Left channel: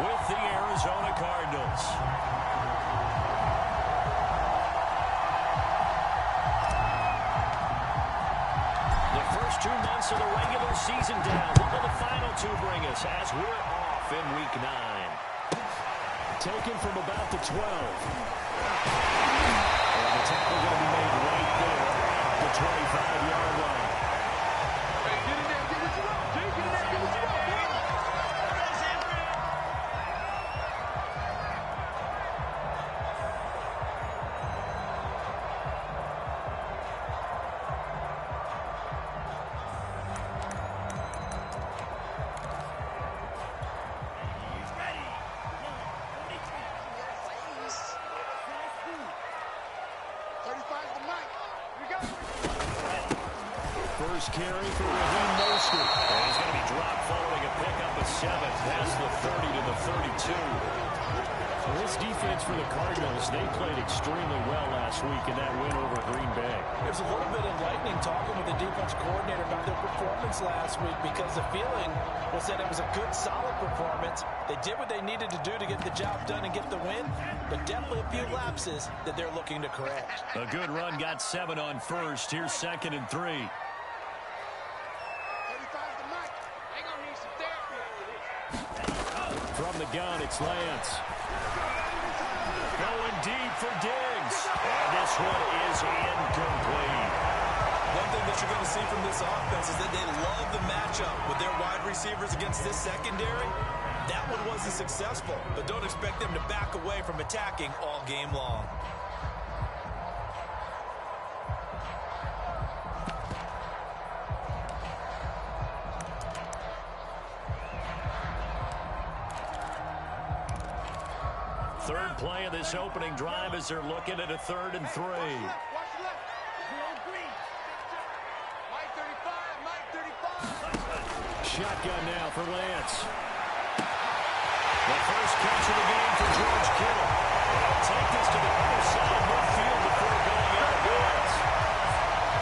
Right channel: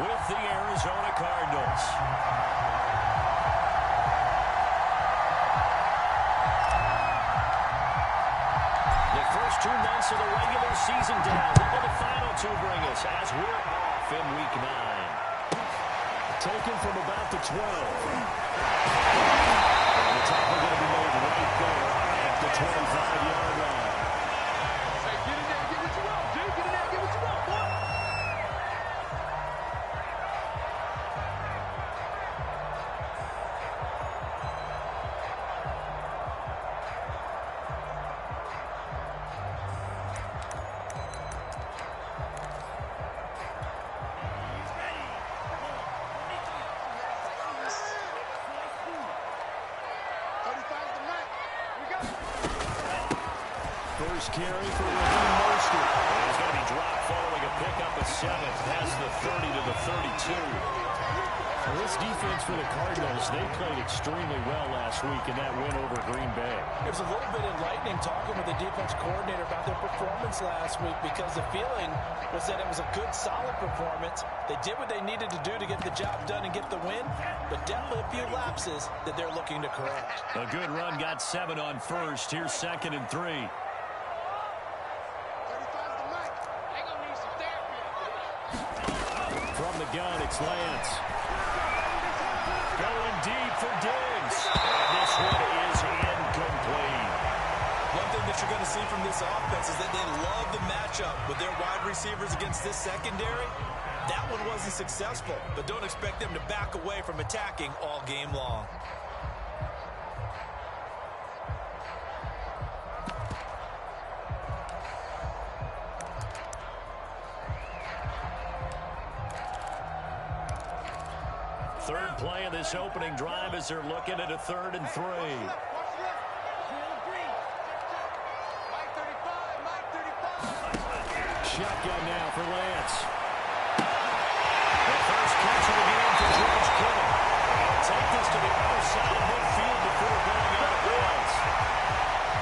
with the Arizona Cardinals. The first 2 months of the regular season down. What will the final 2 bring us as we're off in Week 9? Taken from about the 12. And the tackle going to be made right there at the 25-yard line. Hey, get in there and get what you want, G. Get in there and get what you want, boy. First carry for Raheem Mostert. And he's going to be dropped following a pickup of 7 past the 30 to the 32. So this defense for the Cardinals, they played extremely well last week in that win over Green Bay. It was a little bit enlightening talking with the defense coordinator about their performance last week, because the feeling was that it was a good, solid performance. They did what they needed to do to get the job done and get the win, but definitely a few lapses that they're looking to correct. A good run, got 7 on first. Here's 2nd and 3. From the gun, it's Lance. Going deep for Diggs. And this one is incomplete. One thing that you're going to see from this offense is that they love the matchup with their wide receivers against this secondary. That one wasn't successful, but don't expect them to back away from attacking all game long. Third play of this opening drive as they're looking at a 3rd and 3. Shotgun now for Lance. The first catch of the game for George Kittle. He'll take this to the other side of midfield before going out of bounds.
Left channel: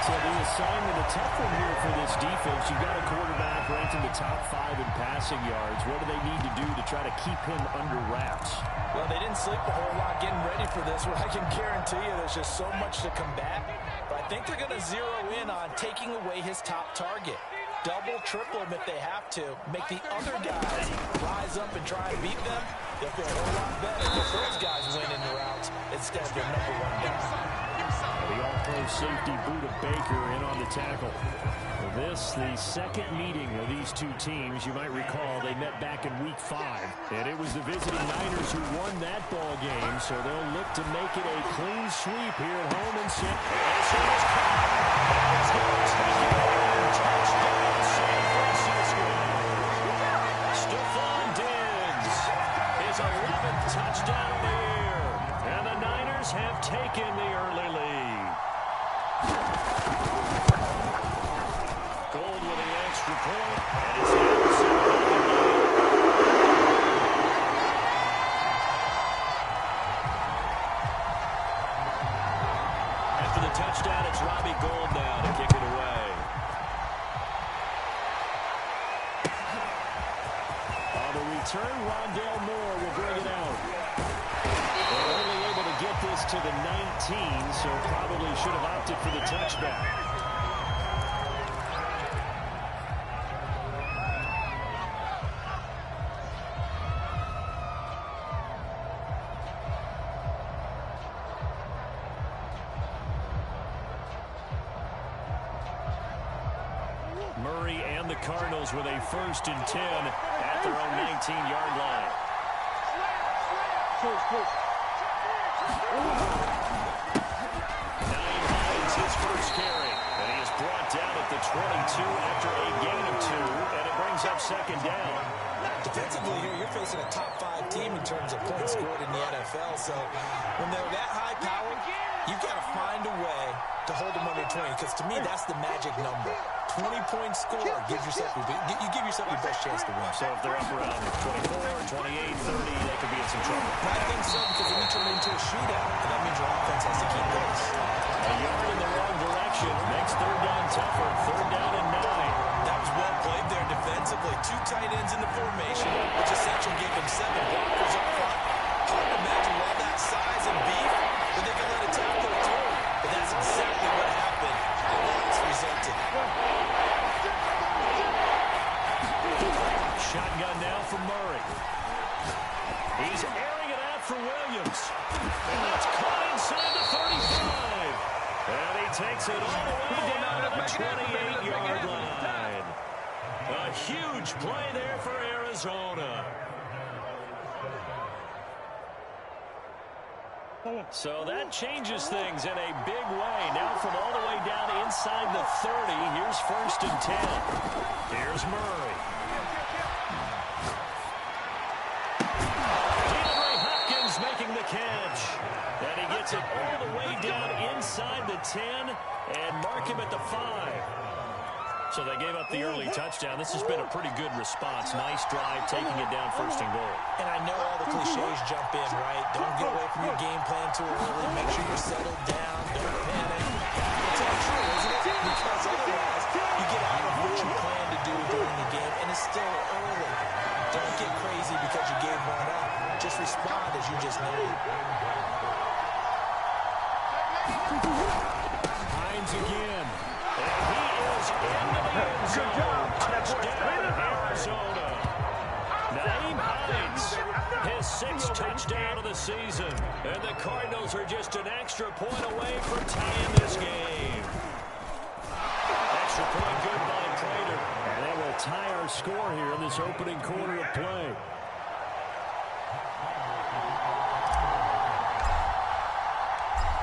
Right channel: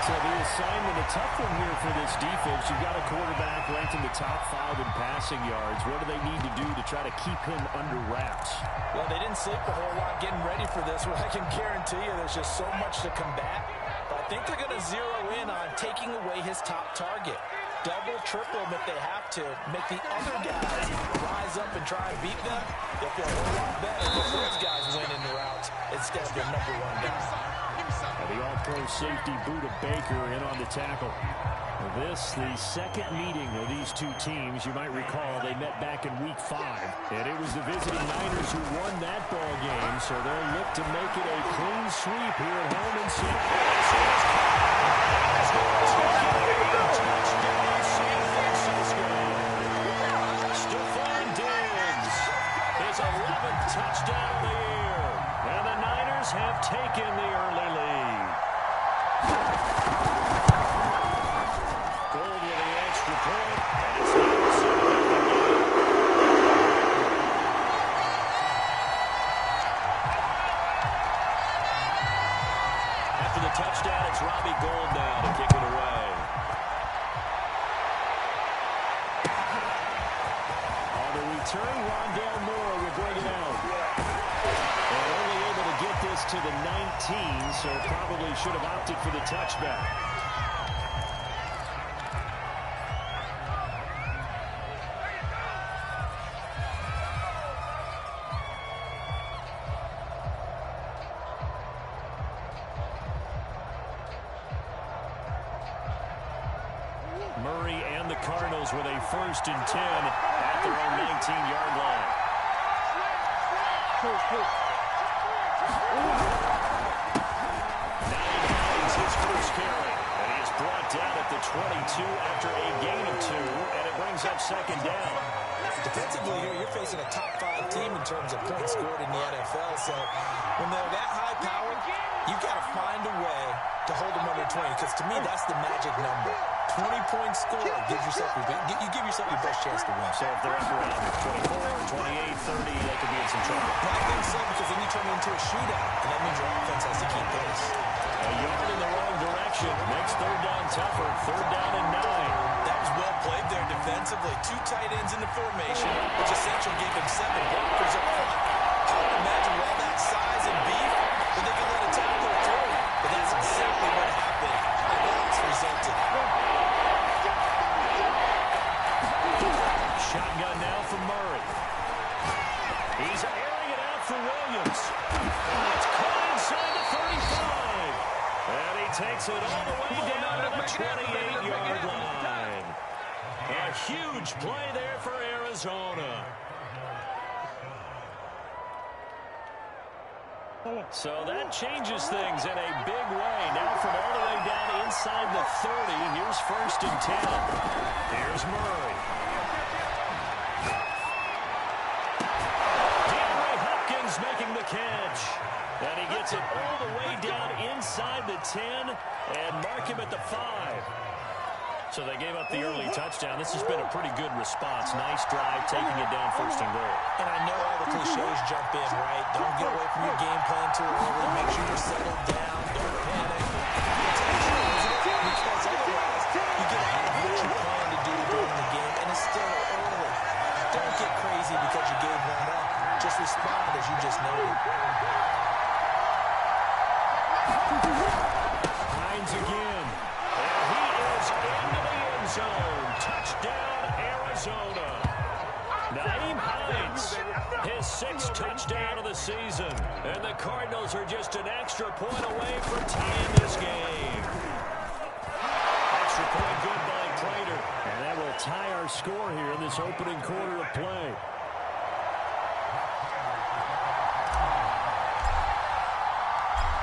So the assignment, a tough one here for this defense. You've got a quarterback ranked in the top 5 in passing yards. What do they need to do to try to keep him under wraps? Well, they didn't sleep a whole lot getting ready for this. Well, I can guarantee you there's just so much to combat. But I think they're going to zero in on taking away his top target. Double, triple him if they have to. Make the other guys rise up and try and beat them. They'll feel a whole lot better if those guys win in the routes instead of their number 1 guy. The all-pro safety Buda Baker in on the tackle. This, the second meeting of these 2 teams. You might recall they met back in Week 5. And it was the visiting Niners who won that ball game. So they'll look to make it a clean sweep here at home in San Francisco. Touchdown, San Francisco. Stephon Diggs, his 11th touchdown of the year. And the Niners have taken the early lead. Gold with the extra point, and it's now a 7-0 lead. After the touchdown, it's Robbie Gould now to kick it away. On the return, Rondale Moore will bring it out. They're only able to get this to the 19, so probably should have opted for the touchback. Murray and the Cardinals with a 1st and 10 at their own 19-yard line. Nyheim Hines his first carry, and he is brought down at the 22 after a gain of 2, and it brings up 2nd down. Defensively here, you're facing a top 5 team in terms of points scored in the NFL. So when they're that high powered, you've got to find a way to hold them under 20, because to me, that's the magic number. 20 points scored gives yourself you give yourself your best chance to win. So if they're up around 24, 28, 30, they could be in some trouble. I think so, because then you turn it into a shootout, and that means your offense has to keep pace. A yard in the wrong direction makes 3rd down tougher. 3rd down and 9. that was well played there defensively. Two tight ends in the formation, which essentially gave them 7 blockers up front. Hard to imagine with all that size and beef that they could let a tackler through. But that's exactly what happened. A loss resulted. Shotgun now for Murray. He's airing it out for Williams. And that's caught inside the 35. And he takes it all the way down to the 28-yard line. A huge play there for Arizona. So that changes things in a big way. Now from all the way down inside the 30, here's 1st and 10. Here's Murray. Making the catch. And he gets it all the way down inside the 10 and mark him at the 5. So they gave up the early touchdown. This has been a pretty good response. Nice drive, taking it down 1st and goal. And I know all the cliches jump in, right? Don't get away from your game plan too early. Make sure you're settled down. Don't panic. It's true, isn't it? Because otherwise, you get out of what you plan to do during the game, and it's still early. Don't get crazy because you gave one up. Just respond as you just noted. Hines again. And he is into the end zone. Touchdown, Arizona. Naeem Hines, his 6th touchdown of the season. And the Cardinals are just an extra point away from tying this game. Extra point good by Prater. And that will tie our score here in this opening quarter of play.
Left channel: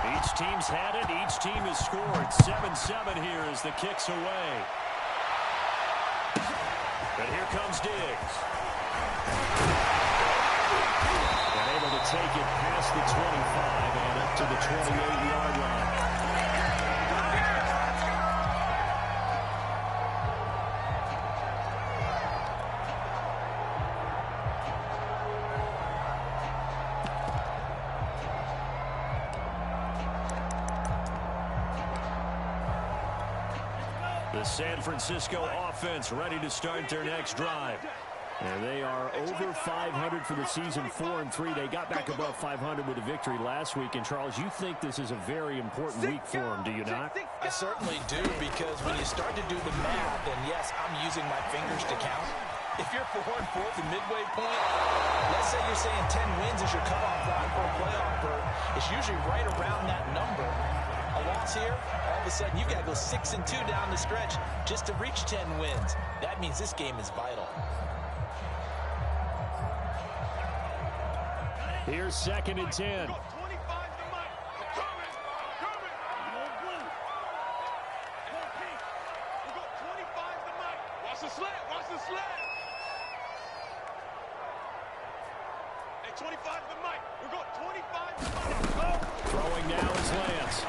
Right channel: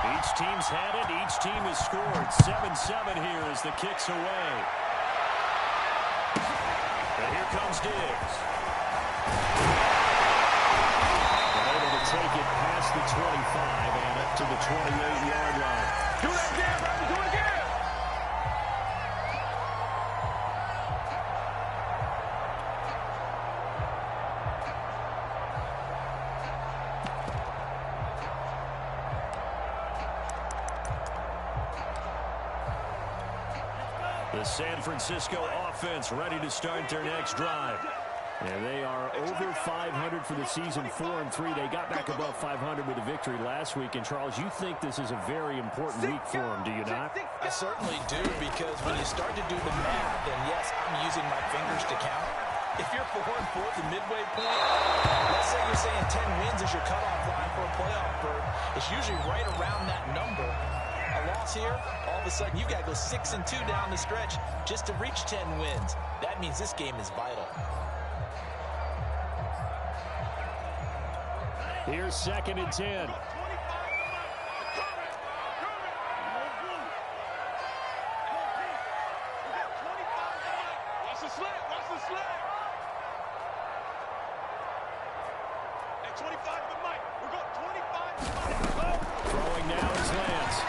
Each team's had it. Each team has scored. 7-7 here as the kick's away. And here comes Diggs. And able to take it past the 25 and up to the 28-yard line. Do it again, baby. Do it again. The San Francisco offense ready to start their next drive. And they are over 500 for the season, 4-3. They got back above 500 with a victory last week. And, Charles, you think this is a very important week for them, do you not? I certainly do, because when you start to do the math, and yes, I'm using my fingers to count. If you're 4-4 at the midway point, let's say you're saying 10 wins is your cutoff line for a playoff berth. It's usually right around that number. A loss here, all of a sudden you've got to go 6-2 down the stretch just to reach 10 wins. That means this game is vital. Here's 2nd and 10. Watch the slant. Watch the slant. Hey, 25 to the mic. We're going 25 to the mic. Go. Throwing now is Lance.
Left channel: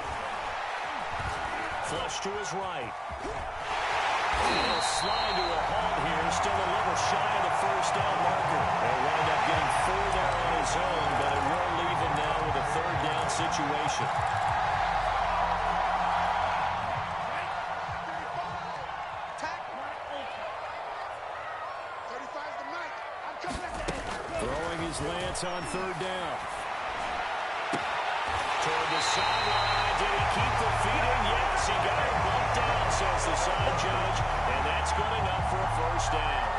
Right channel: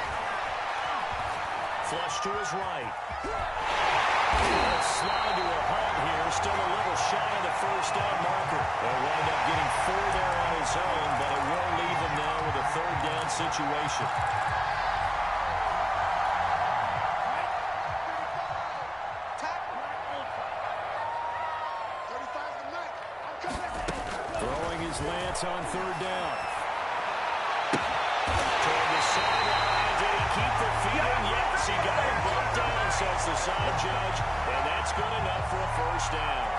Flush to his right. He'll slide to a halt here. Still a little shy of the 1st down marker. He'll wind up getting 4 there on his own, but it will leave him now with a 3rd down situation. Throwing his Lance on 3rd down. Toward the sideline. Did he keep the feet in? Yes, he got him bumped down, says the side judge, and that's good enough for a 1st down.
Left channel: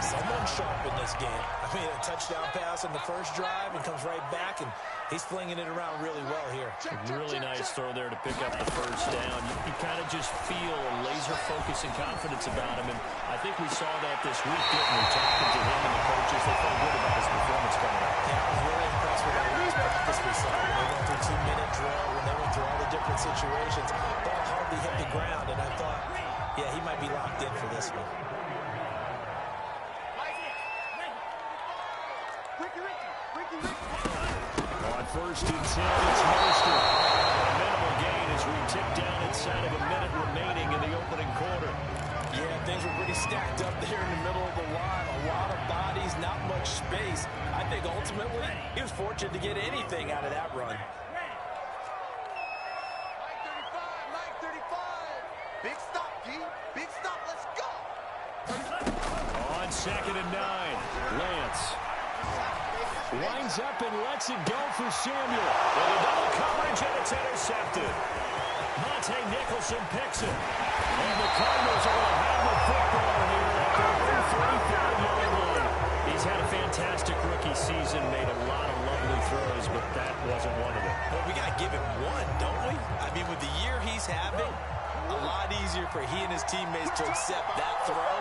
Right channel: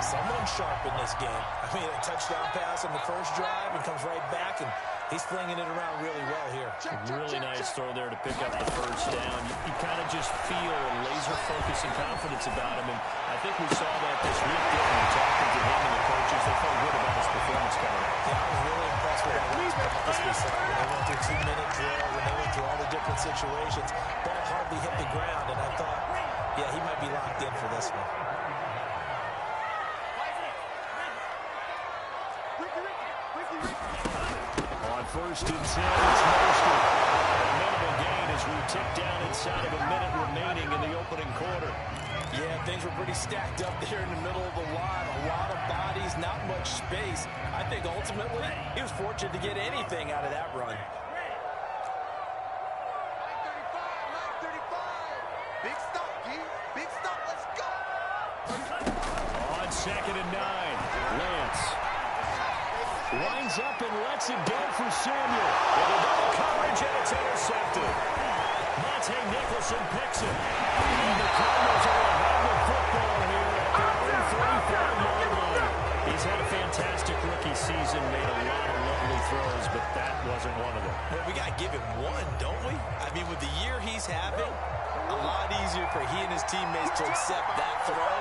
Someone sharp in this game. I mean, a touchdown pass on the 1st drive and comes right back, and he's flinging it around really well here. Really nice throw there to pick up the 1st down. You kind of just feel a laser focus and confidence about him, and I think we saw that this week, didn't we? Talking to him and the coaches, they felt good about his performance coming out. Yeah, I was really impressed with that last practice we saw. When they went through 2-minute drill, when they went through all the different situations, ball hardly hit the ground, and I thought, yeah, he might be locked in for this one. On 1st and 10, it's Mostert. A minimal gain as we tick down inside of a minute remaining in the opening quarter. Yeah, things were pretty stacked up there in the middle of the line. A lot of bodies, not much space. I think ultimately he was fortunate to get anything out of that run. Mike 35, Mike 35. Big stop, G. Big Lance winds up and lets it go for Samuel. With a double coverage, and it's intercepted. Monte Nicholson picks it. And the Cardinals are going to have the football here at their own 45-yard line. He's had a fantastic rookie season, made a lot of lovely throws, but that wasn't one of them. Well, we got to give him one, don't we? I mean, with the year he's having, a lot easier for he and his teammates to accept that throw,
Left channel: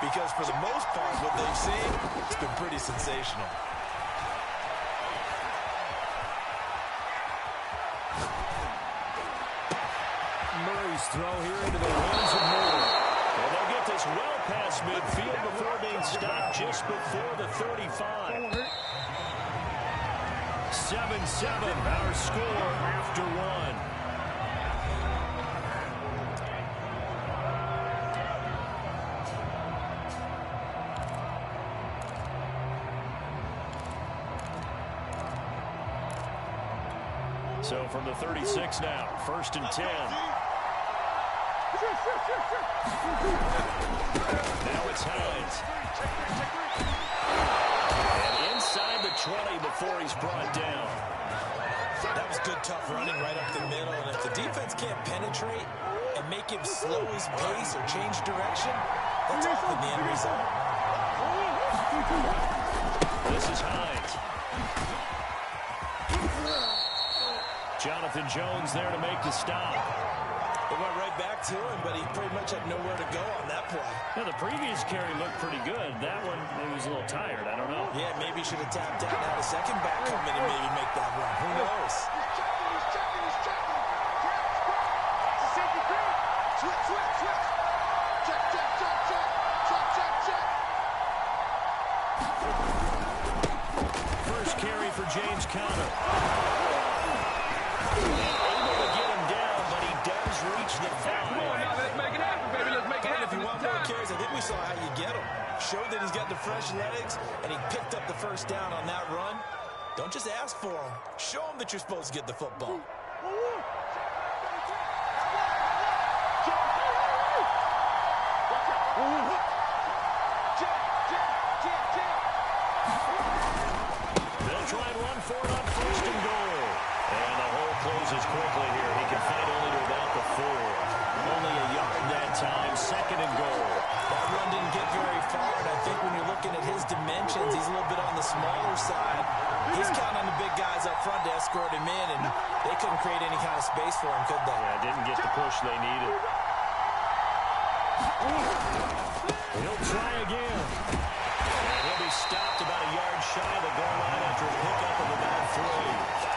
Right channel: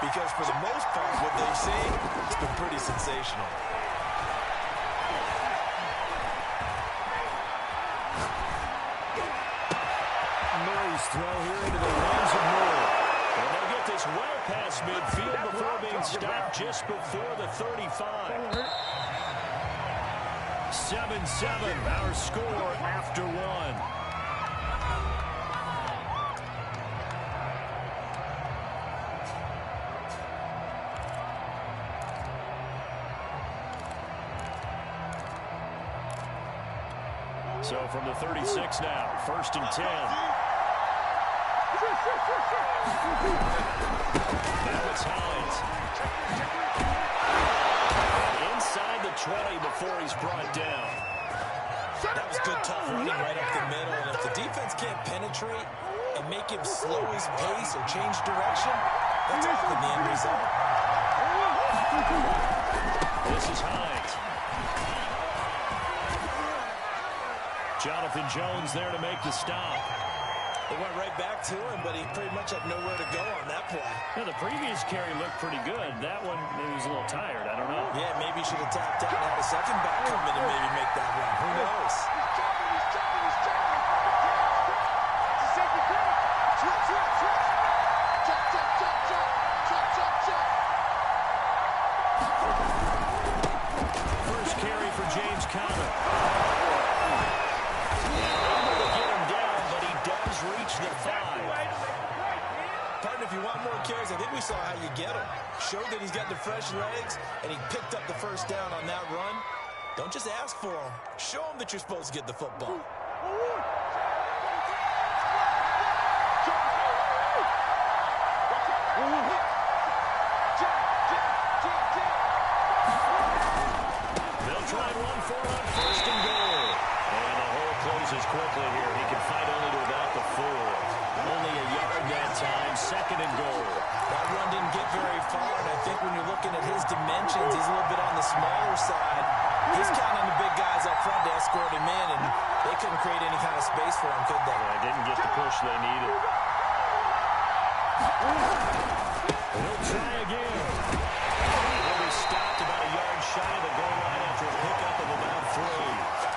because for the most part, what they've seen, it's been pretty sensational. Murray's throw here into the hands of Moore. And they'll get this well past midfield before being stopped just before the 35. 7-7, our score after one. So from the 36 now, 1st and 10. Now it's Hines. And inside the 20 before he's brought down. That was good, tough running right up the middle. And if the defense can't penetrate and make him slow his pace or change direction, that's often the end result. This is Hines. Jonathan Jones there to make the stop. It went right back to him, but he pretty much had nowhere to go on that play. Yeah, the previous carry looked pretty good. That one, maybe he was a little tired. I don't know. Yeah, maybe he should have tapped out and had a second back come in and maybe make that run. Who knows? He's checking. It's a safety creep. Switch. Check. First carry for James Conner. Able to get him down, but he does reach the 5. Partner, if you want more carries, I think we saw how you get them. Showed that he's got the fresh legs, and he picked up the first down on that run. Don't just ask for them. Show them that you're supposed to get the football. They'll try and run for it on 1st and goal. And the hole closes quickly here. He can fight only to about the 4. Only a yard that time. 2nd and goal. That run didn't get very far, and I think when you're looking at his dimensions, he's a little bit on the smaller side. He's counting on the big guys up front to escort him in, and they couldn't create any kind of space for him, could they? Yeah, didn't get the push they needed. He'll try again. He'll be stopped about a yard shy of the goal line after a pickup of about 3.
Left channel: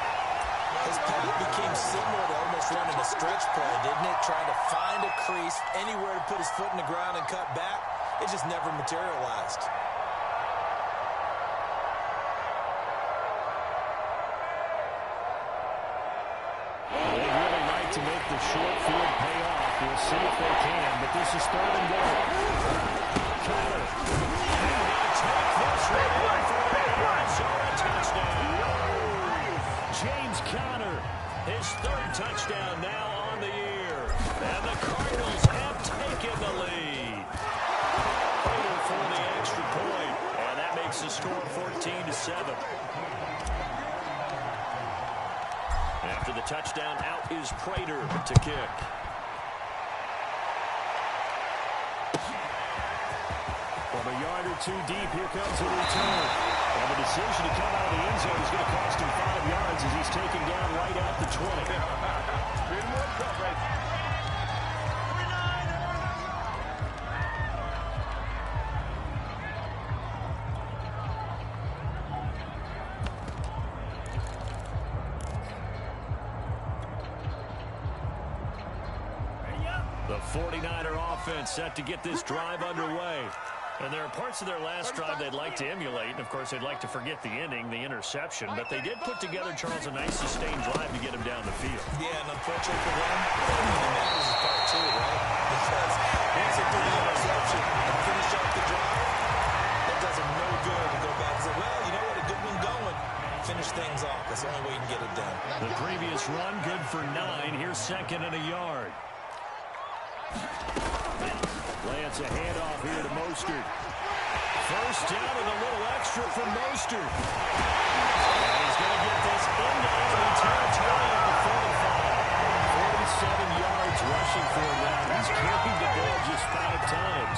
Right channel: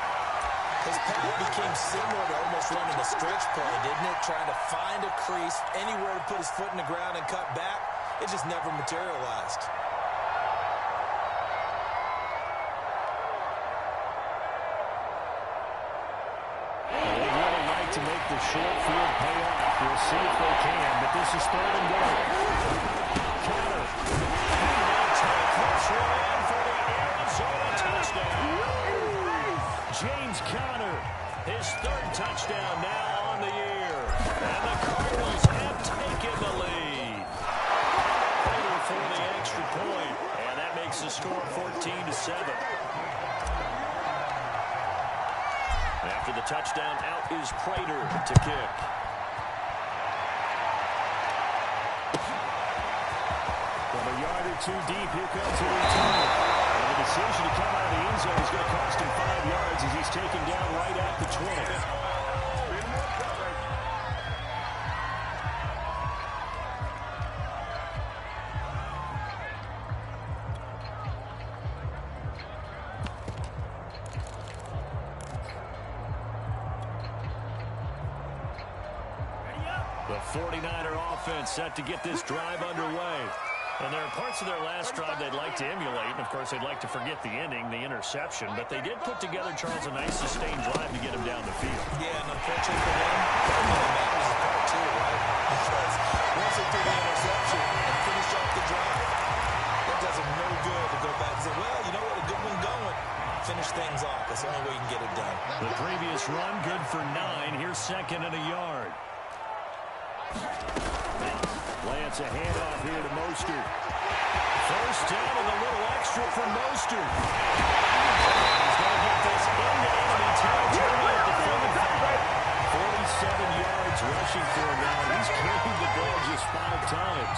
His path became similar to almost running a stretch play, didn't it? Trying to find a crease, anywhere to put his foot in the ground and cut back. It just never materialized. They'd really like to make the short field pay off. We'll see if they can, but this is 3rd and goal. Conner. And they'll take this one in for the Arizona touchdown. James Conner, his 3rd touchdown now on the year. And the Cardinals have taken the lead. Prater for the extra point. And that makes the score 14-7. After the touchdown, out is Prater to kick. From a yard or 2 deep, here comes the return. And the decision to come out of the end zone is going to cost him 5 yards as he's taken down right at the 20. The 49er offense set to get this drive underway. And there are parts of their last drive they'd like to emulate. And, of course, they'd like to forget the ending, the interception. But they did put together, Charles, a nice sustained drive to get him down the field. Yeah, and unfortunately for them, that really matters is part 2, right? Because once they do the interception and finish off the drive, that does them no good to go back and say, well, you know what, a good one going. Finish things off. That's the only way you can get it done. The previous run, good for 9. Here's 2nd and a yard. Lance a handoff here to Mostert. First down and a little extra for Mostert. And he's going to get this into enemy territory at the 45. 47 yards rushing for him now. He's carried the ball just 5 times.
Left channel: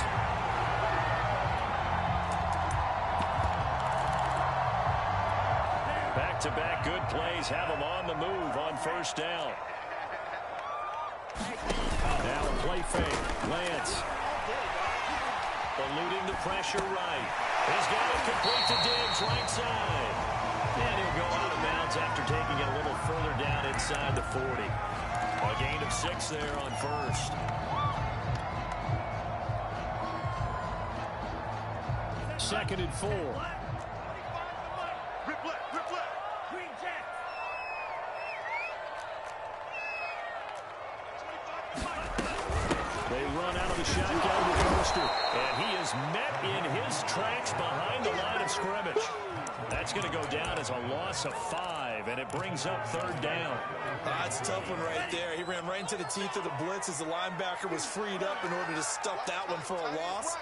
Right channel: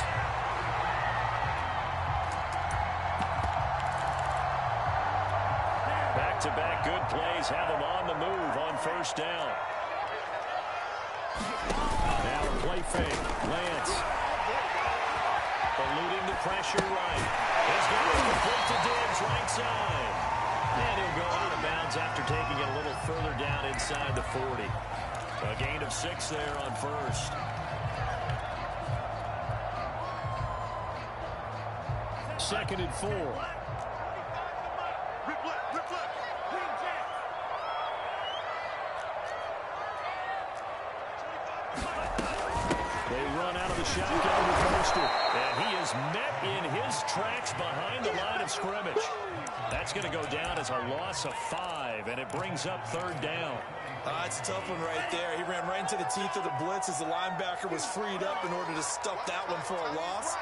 Back-to-back good plays have him on the move on first down. Now a play fake. Lance. Eluding the pressure right. He's got it complete to Diggs right side. And he'll go out of bounds after taking it a little further down inside the 40. A gain of 6 there on first. Second and 4. Rip left, rip left. Green Jack. 25 They run out of the shotgun with Mostert. And he is met in his tracks behind the line of scrimmage. That's going to go down as a loss of 5, and it brings up third down. It's a tough one right there. He ran right into the teeth of the blitz as the linebacker was freed up in order to stuff that one for a loss.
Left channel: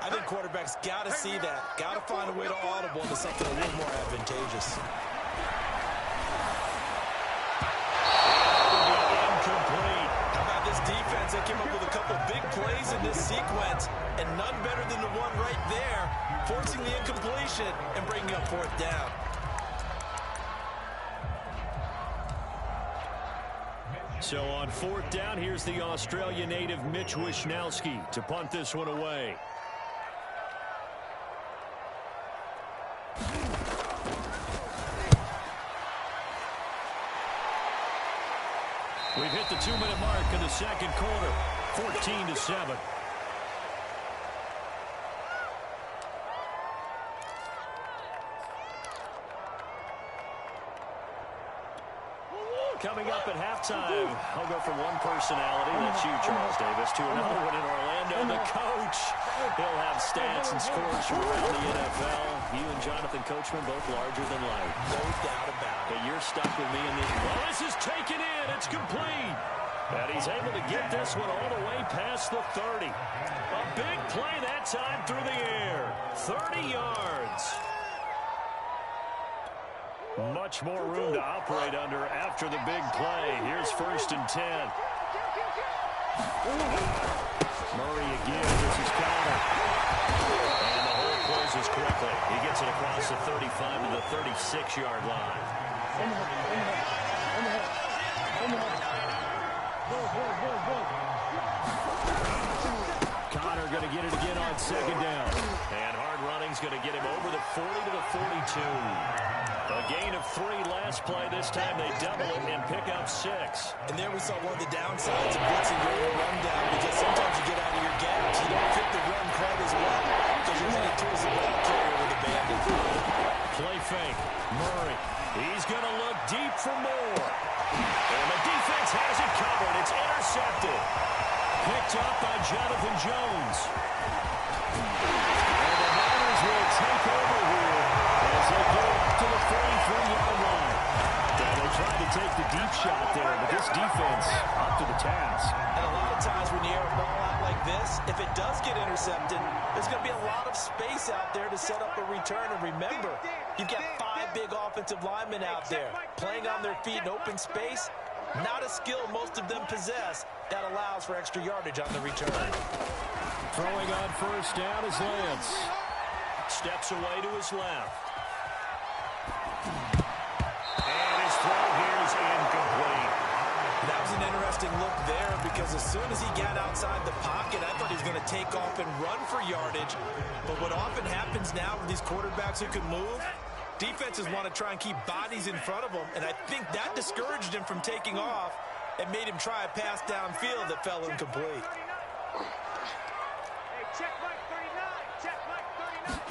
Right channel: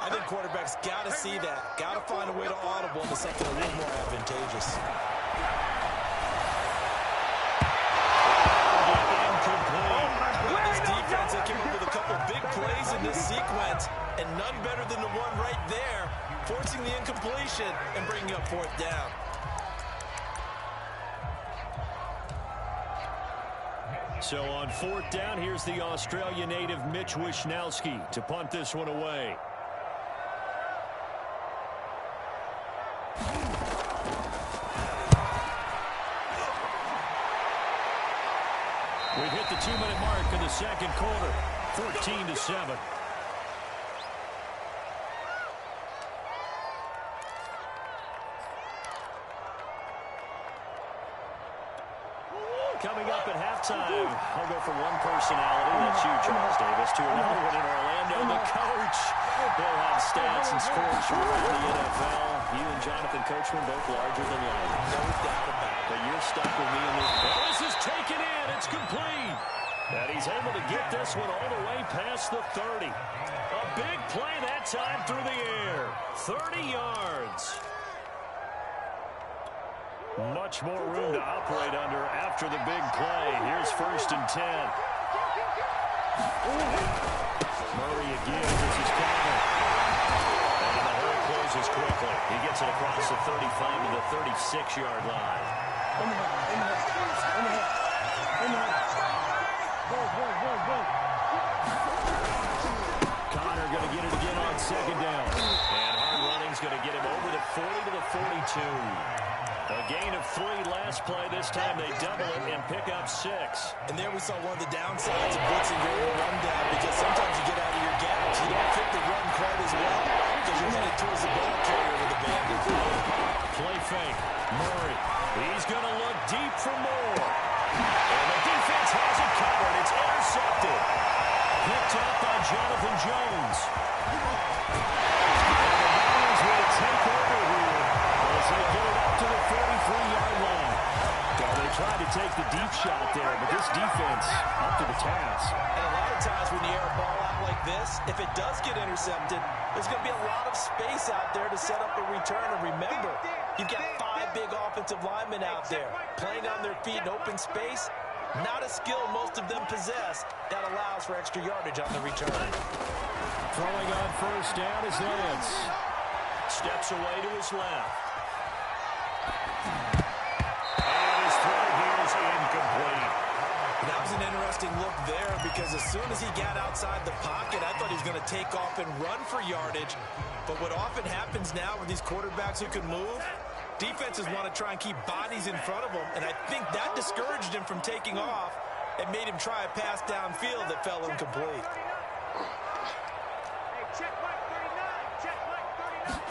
I think quarterbacks got to see that. Got to find a way to audible into something a little more advantageous. Incomplete. How about this defense? They came up with a couple big plays in this sequence, and none better than the one right there, forcing the incompletion and bringing up fourth down. So on fourth down, here's the Australia native Mitch Wishnowsky to punt this one away. We've hit the 2-minute mark in the second quarter, 14-7. Coming up at halftime, I'll go from one personality, that's you, Charles Davis, to another one in Orlando. The coach, he'll have stats and scores from around the NFL. You and Jonathan Coachman both larger than life. No doubt about it. But you're stuck with me in this. Well, this is taken in. It's complete. And he's able to get this one all the way past the 30. A big play that time through the air. 30 yards. Much more room to operate under after the big play. Here's first and 10. Murray again. This is Connor. And the hole closes quickly. He gets it across the 35 to the 36-yard line. Connor going to get it again on second down. And hard running's going to get him over the 40 to the 42. A gain of 3 last play. This time they double it and pick up 6. And there we saw one of the downsides of blitzing during the rundown, because sometimes you get out of your gaps. You don't fit the run quite as well because you're headed towards the ball carrier with the bandit. Play fake. Murray. He's going to look deep for more. And the defense has it covered. It's intercepted. Picked up by Jonathan Jones. And the Niners will take over here as they get it up to the 43-yard line. Now they tried to take the deep shot there, but this defense up to the task. And a lot of times when you air a ball out like this, if it does get intercepted, there's going to be a lot of space out there to set up a return. And remember, you've got 5 big offensive linemen out there playing on their feet in open space. Not a skill most of them possess that allows for extra yardage on the return. Throwing on first down is Lance. Steps away to his left. And his throw here is incomplete. That was an interesting look there, because as soon as he got outside the pocket, I thought he was going to take off and run for yardage. But what often happens now with these quarterbacks who can move, defenses want to try and keep bodies in front of them, and I think that discouraged him from taking off and made him try a pass downfield that fell incomplete. Hey, check Mike 39. Check Mike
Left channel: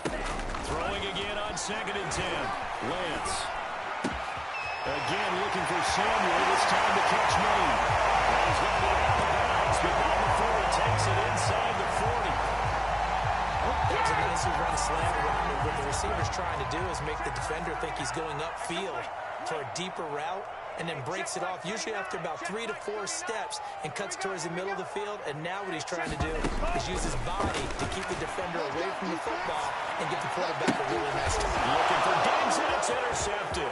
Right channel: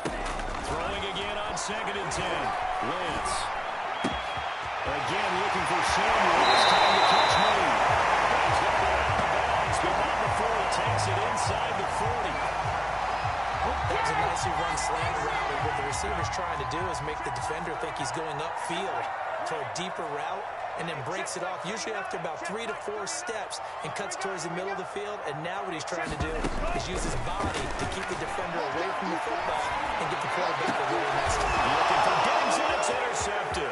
39. Throwing again on second and 10. Lance. Again looking for Samuel. This time to catch me. And he's going to be out of bounds, but not before he takes it inside the 40. That's a nicely run slant route, and what the receiver's trying to do is make the defender think he's going upfield for a deeper route. and then breaks it off, usually after about 3 to 4 steps, and cuts towards the middle of the field. And now what he's trying to do is use his body to keep the defender away from the football and give the quarterback a really nice time. Looking for Diggs, and it's intercepted.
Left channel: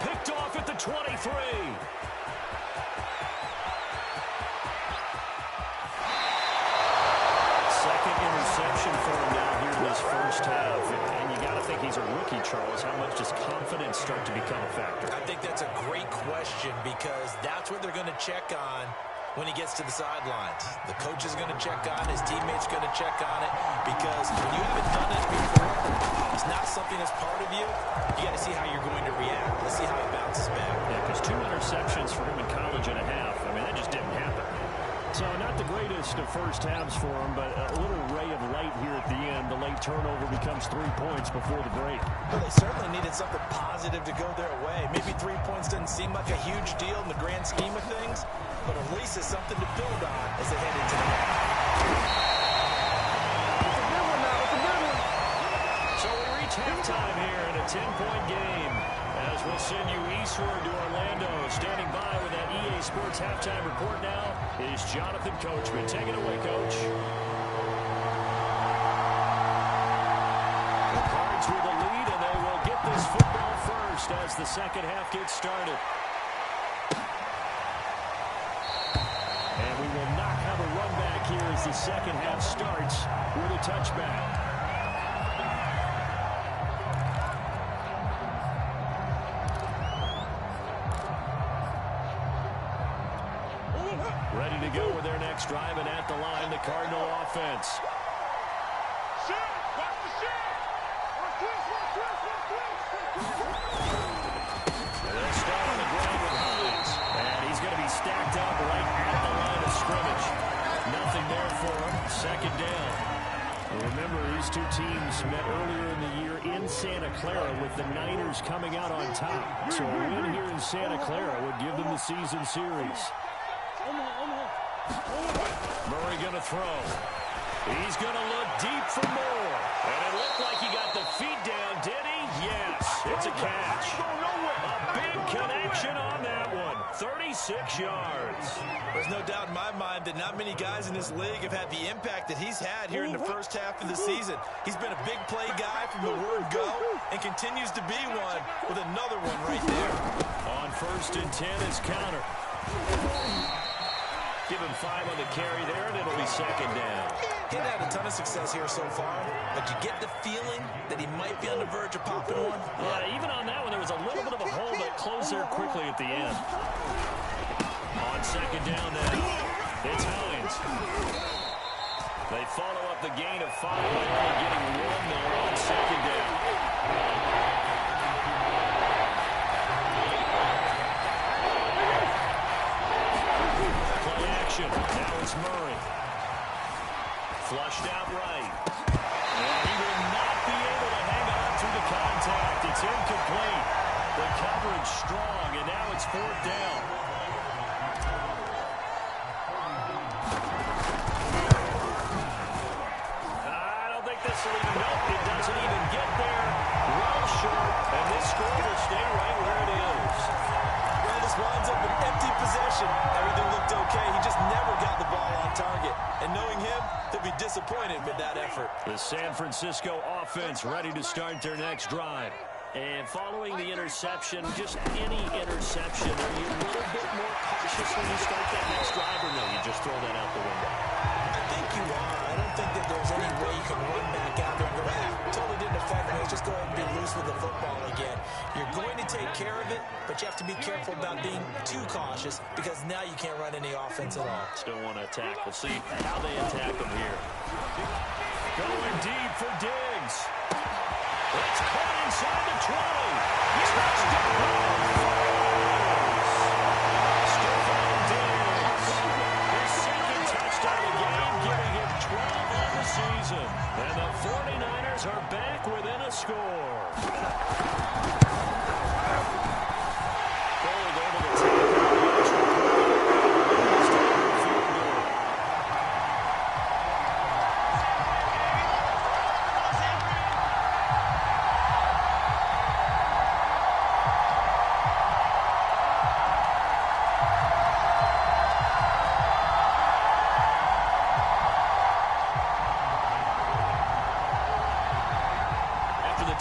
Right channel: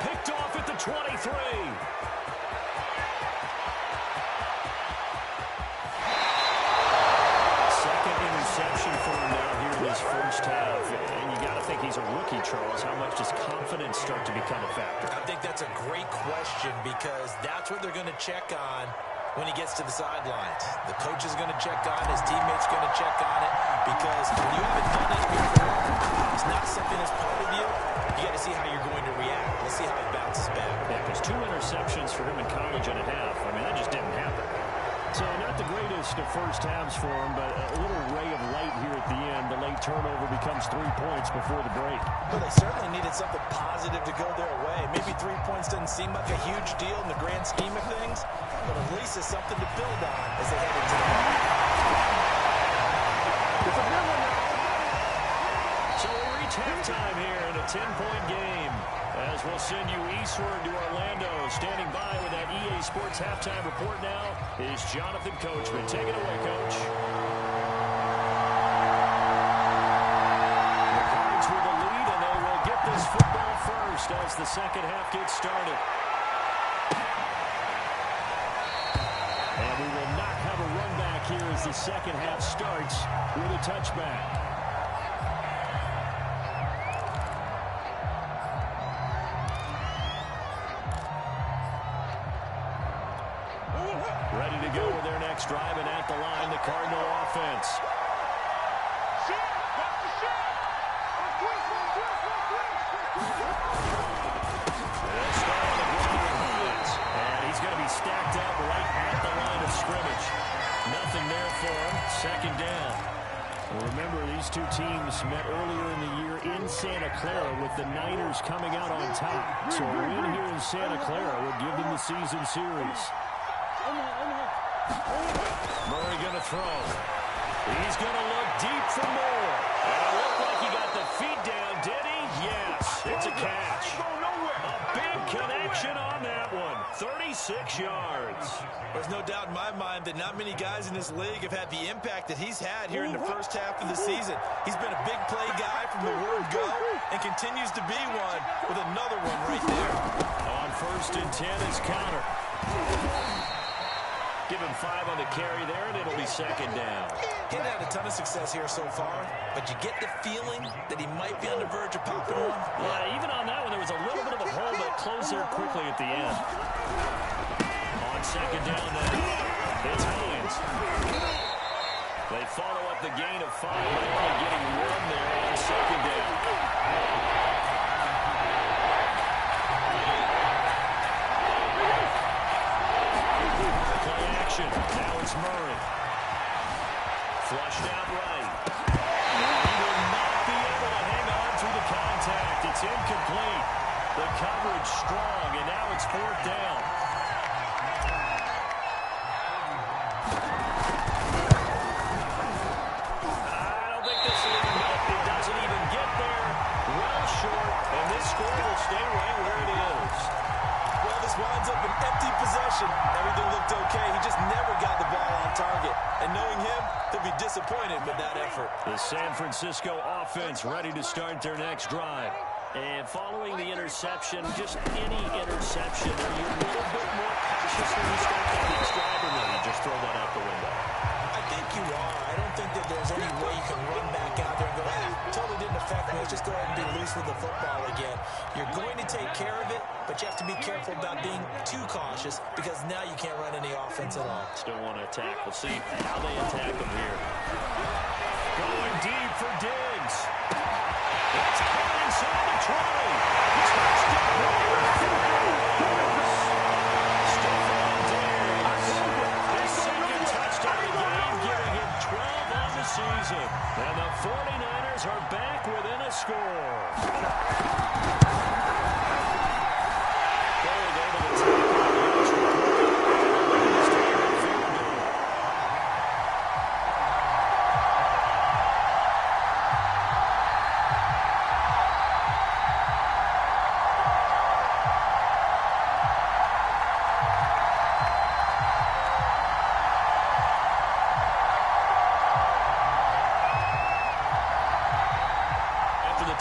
Picked off at the 23. Second interception for him now here in this first half. And you got to think he's a rookie, Charles. How much does confidence start to become a factor? I think that's a great question, because that's what they're going to check on when he gets to the sidelines. The coach is going to check on it. His teammates going to check on it, because when you haven't done it before, it's not something that's part of you. You got to see how you're going to react. Let's see how he bounces back. Yeah, because 2 interceptions for him in college and a half. I mean, that just didn't happen. So not the greatest of first halves for him, but a little ray of light here at the end. The late turnover becomes 3 points before the break. Well, they certainly needed something positive to go their way. Maybe 3 points doesn't seem like a huge deal in the grand scheme of things, but at least it's something to build on as they head into the ball. It's a good one now. It's a good one. So we reach halftime here in a 10-point game. As we'll send you eastward to Orlando. Standing by with that EA Sports halftime report now is Jonathan Coachman. Take it away, Coach. The Cards with a lead, and they will get this football first as the second half gets started. And we will not have a run back here as the second half starts with a touchback. Ready to go with their next drive, and at the line, the Cardinal offense. Shift. Watch the shift. Watch twist. And they'll start on the ground with Hines. And he's going to be stacked up right at the line of scrimmage. Nothing there for him. Second down. Remember, these two teams met earlier in the year in Santa Clara, with the Niners coming out on top. So a win here in Santa Clara would give them the season series. Murray going to throw. He's going to look deep for more. And it looked like he got the feet down, did he? Yes, it's a catch. A big connection on that one. 36 yards. There's no doubt in my mind that not many guys in this league have had the impact that he's had here in the first half of the season. He's been a big play guy from the word go and continues to be one with another one right there. On 1st and 10 is counter. Give him 5 on the carry there, and it'll be second down. He hasn't had a ton of success here so far, but you get the feeling that he might be on the verge of popping one. Yeah, even on that one, there was a little bit of a hole that closed there quickly at the end. On second down now, it's Hines. They follow up the gain of 5 by only getting 1 there on second down. Now it's Murray. Flushed out right. And he will not be able to hang on through the contact. It's incomplete. The coverage strong, and now it's 4th down. I don't think this will even, nope, it doesn't even get there. Well short, and this score will stay right where it is. Well, this winds up an empty possession. Everything looked okay. He just never got the ball on target. And knowing him, he'll be disappointed with that effort. The San Francisco offense ready to start their next drive. And following the interception, just any interception, are you a little bit more cautious when you start that next drive, or no, you just throw that out the window? I think you are. I don't think that there's any way you can run back out there and go, totally didn't affect me. Let's just go ahead and be loose with the football again. You're going to take care of it, but you have to be careful about being too cautious, because now you can't run any offense at all. Still want to attack. We'll see how they attack them here. Going deep for Diggs. It's caught inside the 20. Stephon Diggs. His second touchdown of the game, giving him 12 on the season. And the 49ers are back within a score. Gold able to take on the extra point. He's taking the field goal.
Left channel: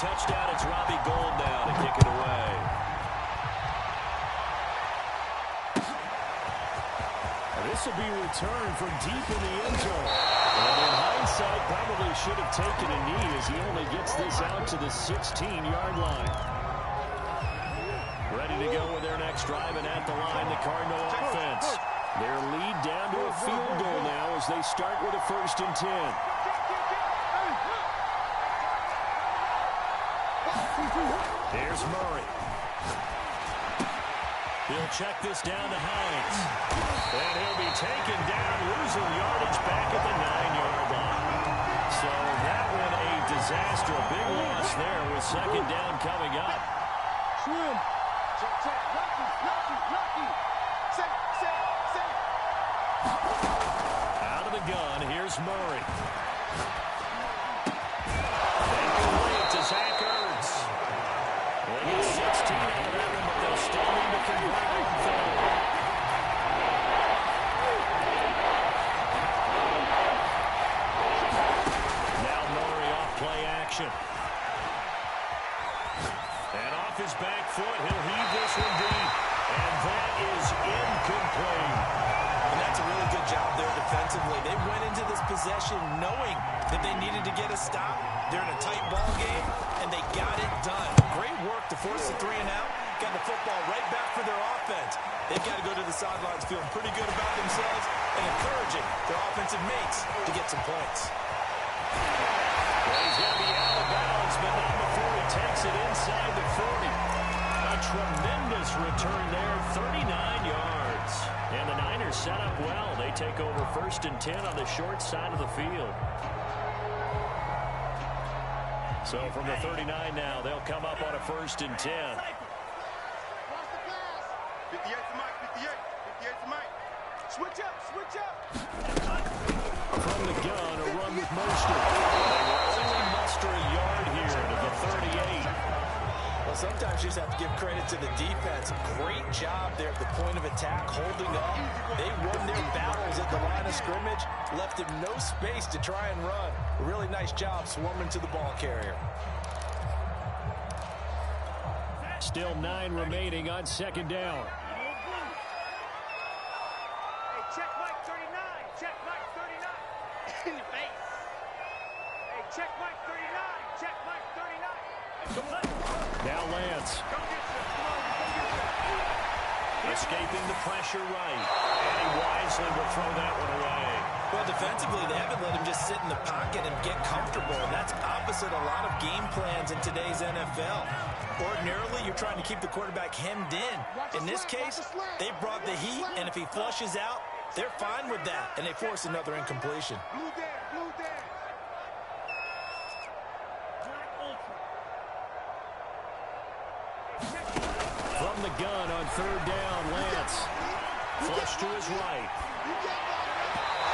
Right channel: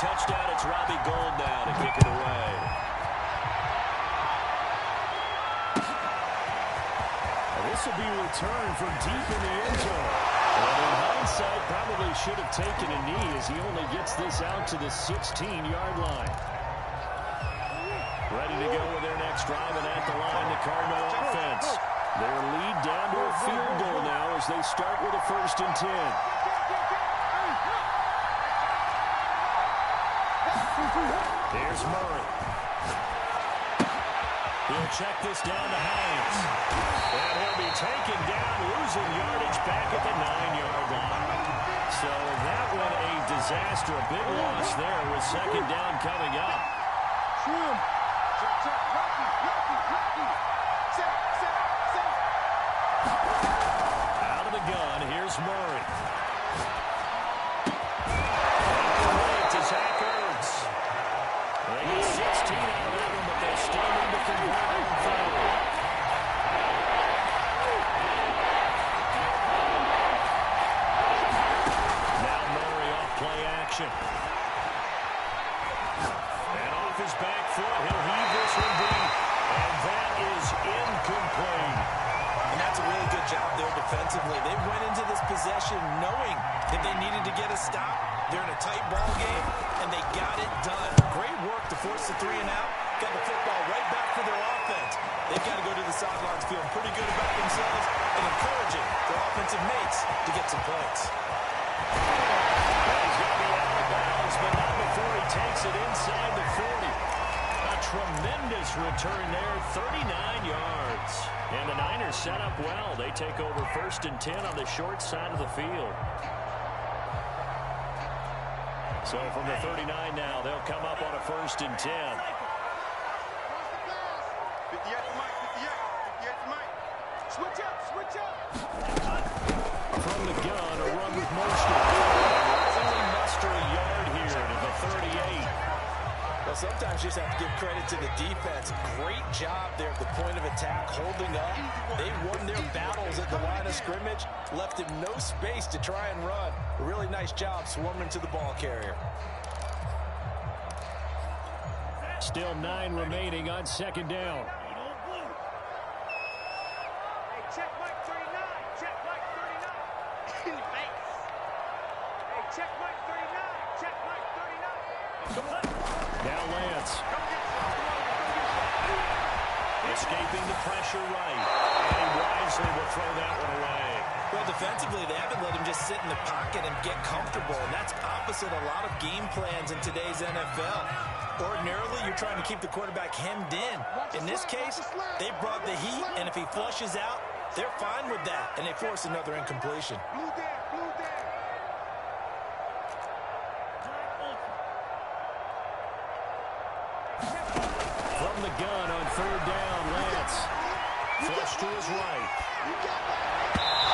touchdown. It's Robbie Gould now to kick it away. This will be returned from deep in the end zone. And in hindsight, probably should have taken a knee as he only gets this out to the 16-yard line. Ready to go with their next drive, and at the line, the Cardinal offense. Their lead down to a field goal now as they start with a 1st and 10. Here's Murray. He'll check this down to Hines. And he'll be taken down, losing yardage back at the 9-yard line. So that one a disaster. A big loss there with 2nd down coming up. Swim. Check, check. Rocky. Set. Out of the gun, here's Murray. Incomplete to Zach Ertz. They get 16 out of that one, but they'll still need to convert on 3rd. Now Murray off play action. And off his back foot, he'll heave this one deep. And that is incomplete. And that's a really good job there defensively. They went into this possession knowing that they needed to get a stop. They're in a tight ball game, and they got it done. Great work to force the 3 and out. Got the football right back for their offense. They've got to go to the sidelines feeling pretty good about themselves and encouraging their offensive mates to get some points. Well, he's going to be out of bounds, but not before he takes it inside the 40. A tremendous return there, 39 yards. And the Niners set up well. They take over 1st and 10 on the short side of the field. So from the 39 now, they'll come up on a 1st and 10. 58 to Mike. 58 to Mike. Switch up. From the gun, a run with Mostert. They only muster a yard here to the 38. Well, sometimes you just have to give credit to the defense. Great job there at the point of attack, holding up. They won their battles at the line of scrimmage, left him no space to try and run. A really nice job swarming to the ball carrier. Still 9 remaining on 2nd down. Hey, check Mike 39. Check Mike 39. In the face. Hey, check Mike 39. Check Mike 39. Come on. Now Lance. Come get some. Escaping the pressure right. And he wisely will throw that one away. Well, defensively, they haven't let him just sit in the pocket and get comfortable, and that's opposite a lot of game plans in today's NFL. Ordinarily, you're trying to keep the quarterback hemmed in. In this case, they brought the heat, and if he flushes out, they're fine with that, and they force another incompletion. Blue there. From the gun on 3rd down, Lance. Flush to his right. And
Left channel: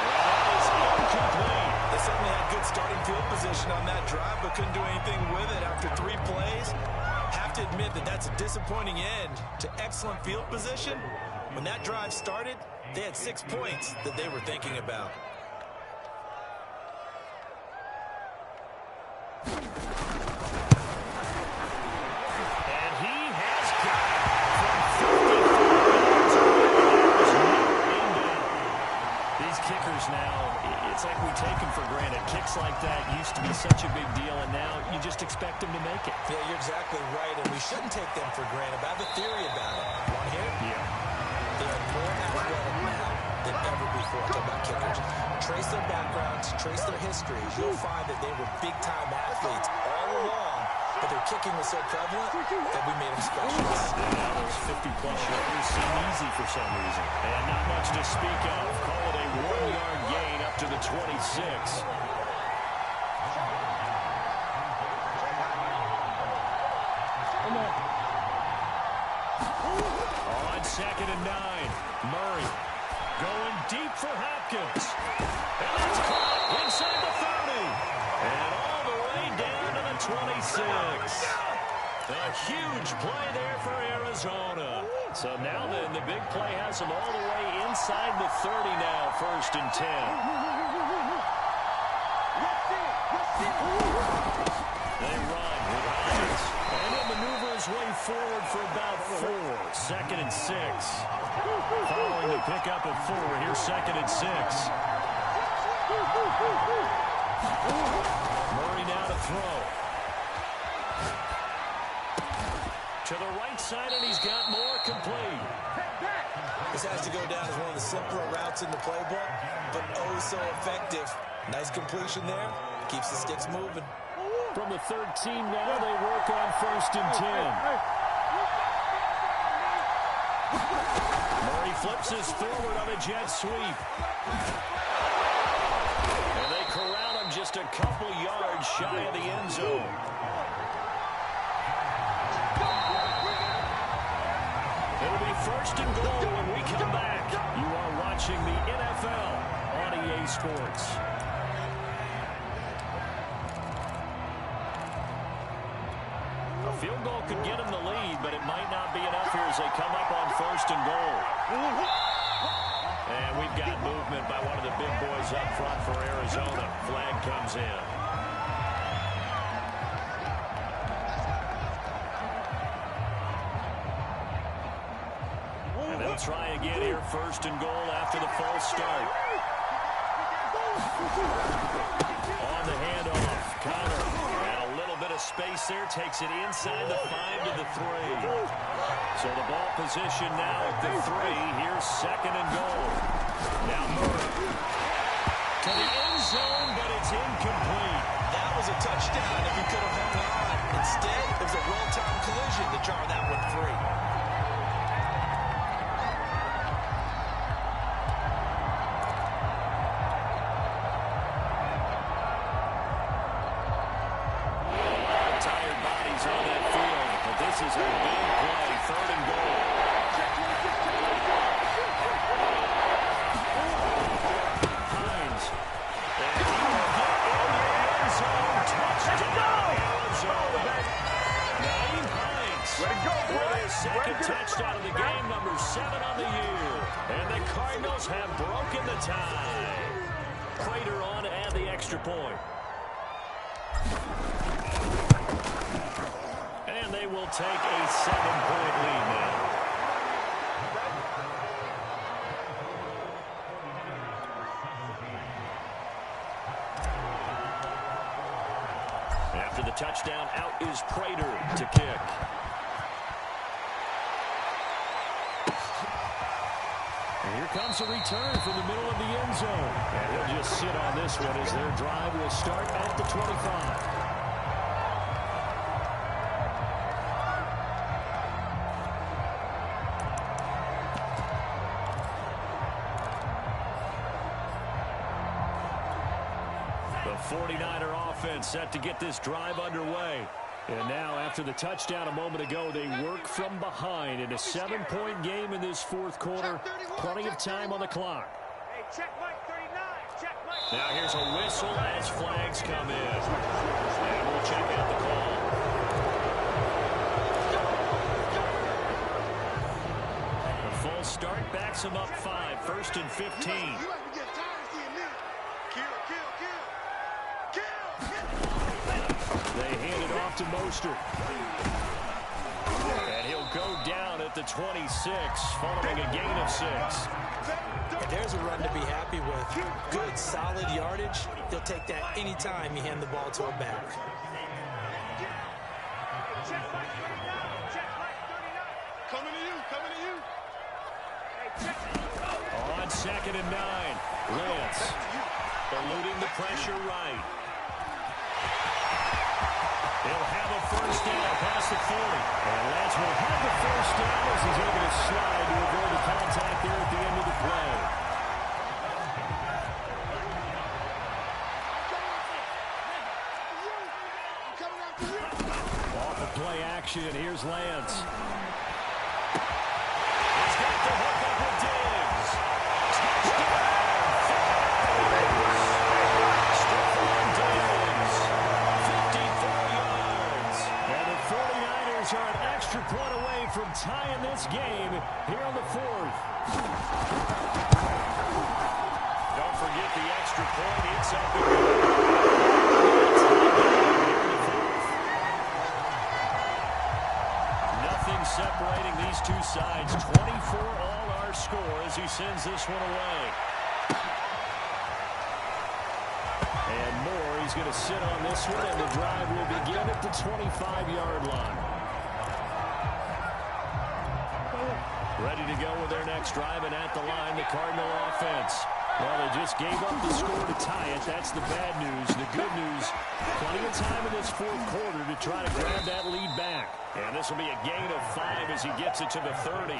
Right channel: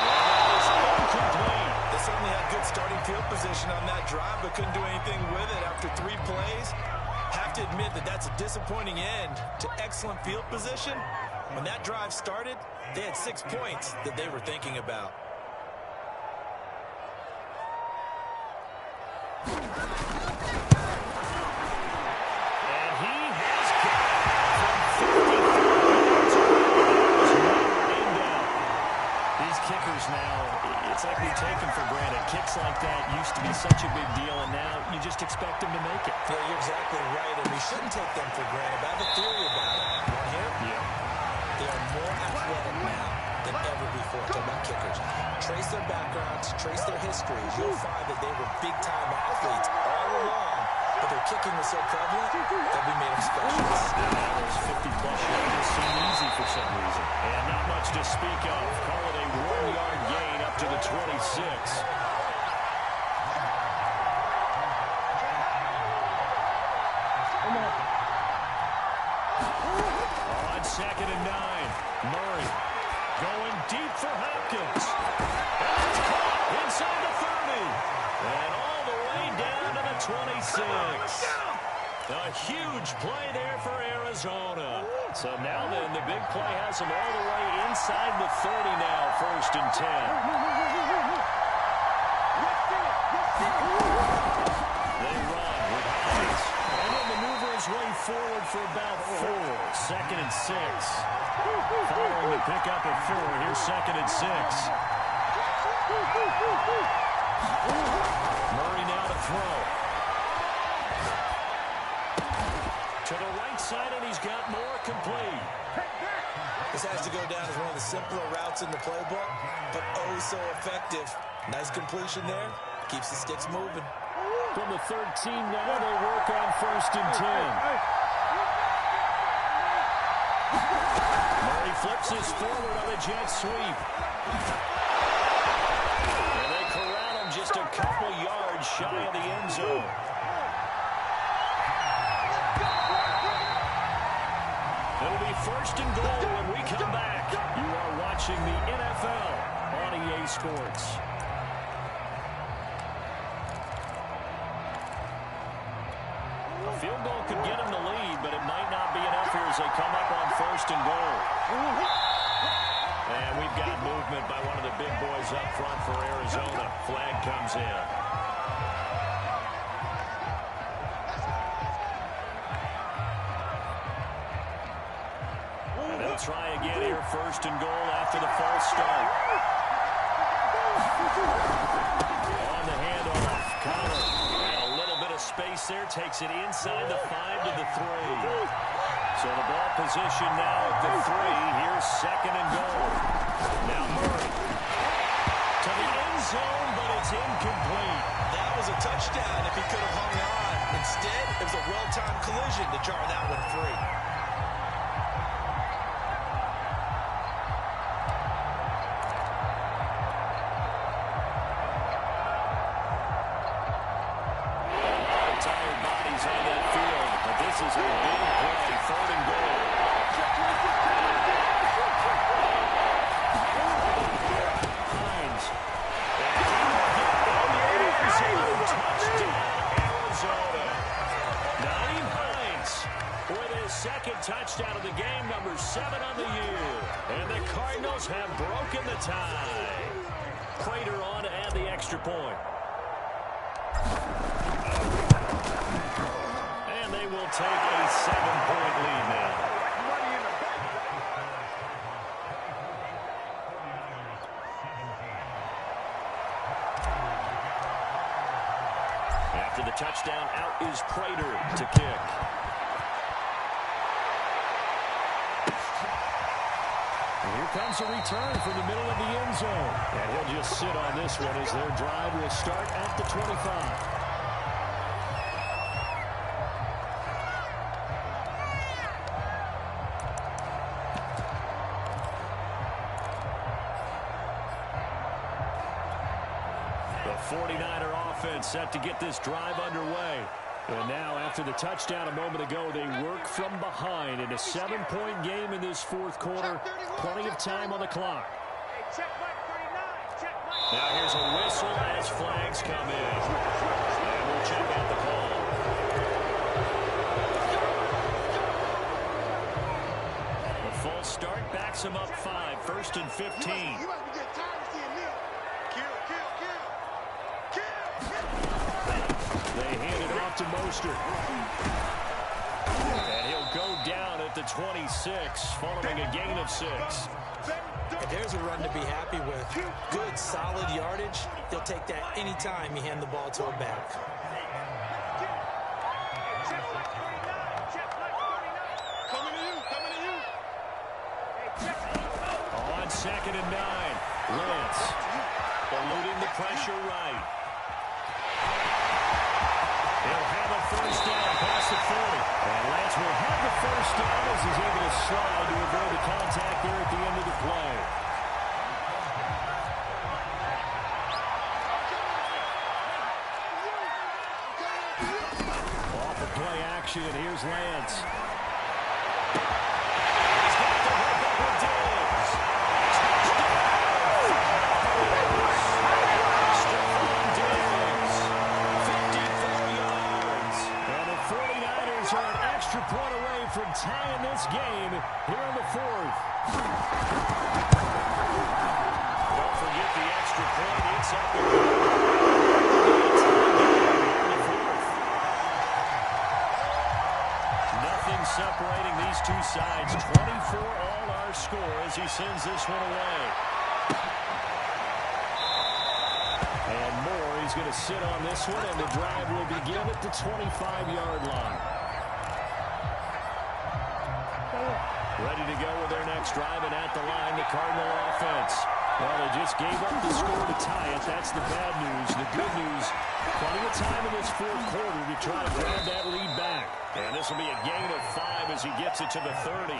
that is incomplete. They certainly had good starting field position on that drive, but couldn't do anything with it after 3 plays. Have to admit that that's a disappointing end to excellent field position. When that drive started, they had 6 points that they were thinking about. And he has got it from 55 yards away. That was never aimed out. These kickers now, it's like we take them for granted. Kicks like that used to be such a big deal, and now you just expect them to make it. Yeah, you're exactly right, and we shouldn't take them for granted. But I have a theory about it. You want to hear it? Yeah. They are more athletic now than ever before. Talk about kickers. Trace their backgrounds, trace their histories. You'll find that they were big-time athletes all along, but their kicking was so prevalent that we made them specialists. And now those 50-plus yarders seem easy for some reason. And not much to speak of. Call it a 1-yard gain up to the 26. Come on. On 2nd and 9, Murray going deep for Hopkins. And that's caught inside the 30. And all the way down to the 26. A huge play there for Arizona. So now then, the big play has them all the way inside the 30 now, 1st and 10. They run with Hopkins. his way forward for about 4. 2nd and 6. Following the pickup of 4, here's 2nd and 6. Murray now to throw. To the right side, and he's got more, complete. This has to go down as one of the simpler routes in the playbook, but oh so effective. Nice completion there. Keeps the sticks moving. From the 13 now, they work on 1st and 10. Murray flips his forward on a jet sweep. And they corral him just a couple yards shy of the end zone. It'll be 1st and goal when we come back. You are watching the NFL on EA Sports. A field goal could get him the lead, but it might not be enough here as they come up on 1st and goal. And we've got movement by one of the big boys up front for Arizona. Flag comes in. And they'll try again here, 1st and goal after the false start. On the handoff, Connor. And a little bit of space there, takes it inside the 5 to the 3. So the ball position now at the 3. Here's 2nd and goal. Now Murray. To the end zone, but it's incomplete. That was a touchdown if he could have hung on. Instead, it was a well-timed collision to jar that one free. This is a big play, 3rd and goal. Hines. And he will get in the end zone. Touchdown, Arizona. Nyheim Hines with his 2nd touchdown of the game, number 7 on the year. And the Cardinals have broken the tie. Prater on to add the extra point. And they will take a 7-point lead now. After the touchdown, out is Prater to kick. And here comes a return from the middle of the end zone. And he'll just sit on this one as their drive will start at the 25. The 49er offense set to get this drive underway. And now, after the touchdown a moment ago, they work from behind in a 7-point game in this 4th quarter. Plenty of time on the clock. Hey, check Mike 39. Check Mike. Now here's a whistle as flags come in. And we'll check out the call. The false start backs him up 5. 1st and 15. You might be getting tired of seeing me. Kill, kill, kill. They hand it off to Mostert. And he'll go down at the 26, following a gain of 6. And there's a run to be happy with. Good, solid yardage. He'll take that anytime you hand the ball to a back. Check Mike 39. Check Mike 39. Coming to you. Coming to you. Hey, check. On 2nd and 9, Lance eluding the pressure right. He'll have a 1st down past the 40. And Lance will have the 1st down as he's able to slide to avoid the contact there at the end of the play. Off the play action, here's Lance. He's got the hook up with Diggs. Touchdown! Stephon Diggs. 54 yards. And the 49ers are an extra point away from tying this game here in the 4th. Don't forget the extra point. It's up and good. Here in the 4th. Nothing separating these two sides. 24 all our score as he sends this one away. And more, he's going to sit on this one, and the drive will begin at the 25-yard line. Ready to go with their next drive, and at the line, the Cardinal offense. Well, they just gave up the score to tie it. That's the bad news. The good news, plenty of time in this fourth quarter to try to grab that lead back. And this will be a gain of 5 as he gets it to the 30.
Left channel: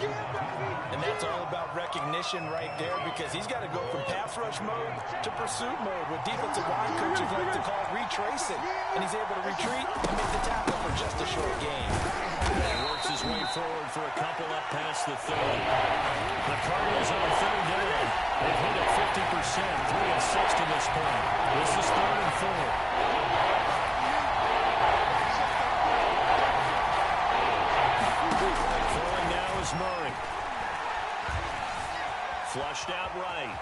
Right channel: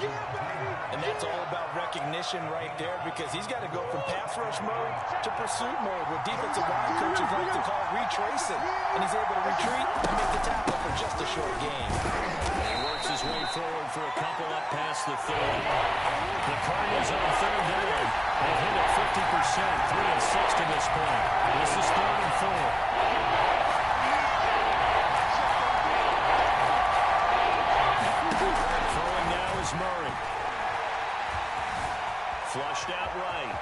And that's all about recognition right there, because he's got to go from pass rush mode to pursuit mode, what defensive line coaches like to call retracing. And he's able to retreat and make the tackle for just a short gain. And works his way forward for a couple up past the 30. The Cardinals on third down. They've hit it 50%, 3 of 6 to this point. This is 3rd and 4. Throwing now is Murray. Flushed out right.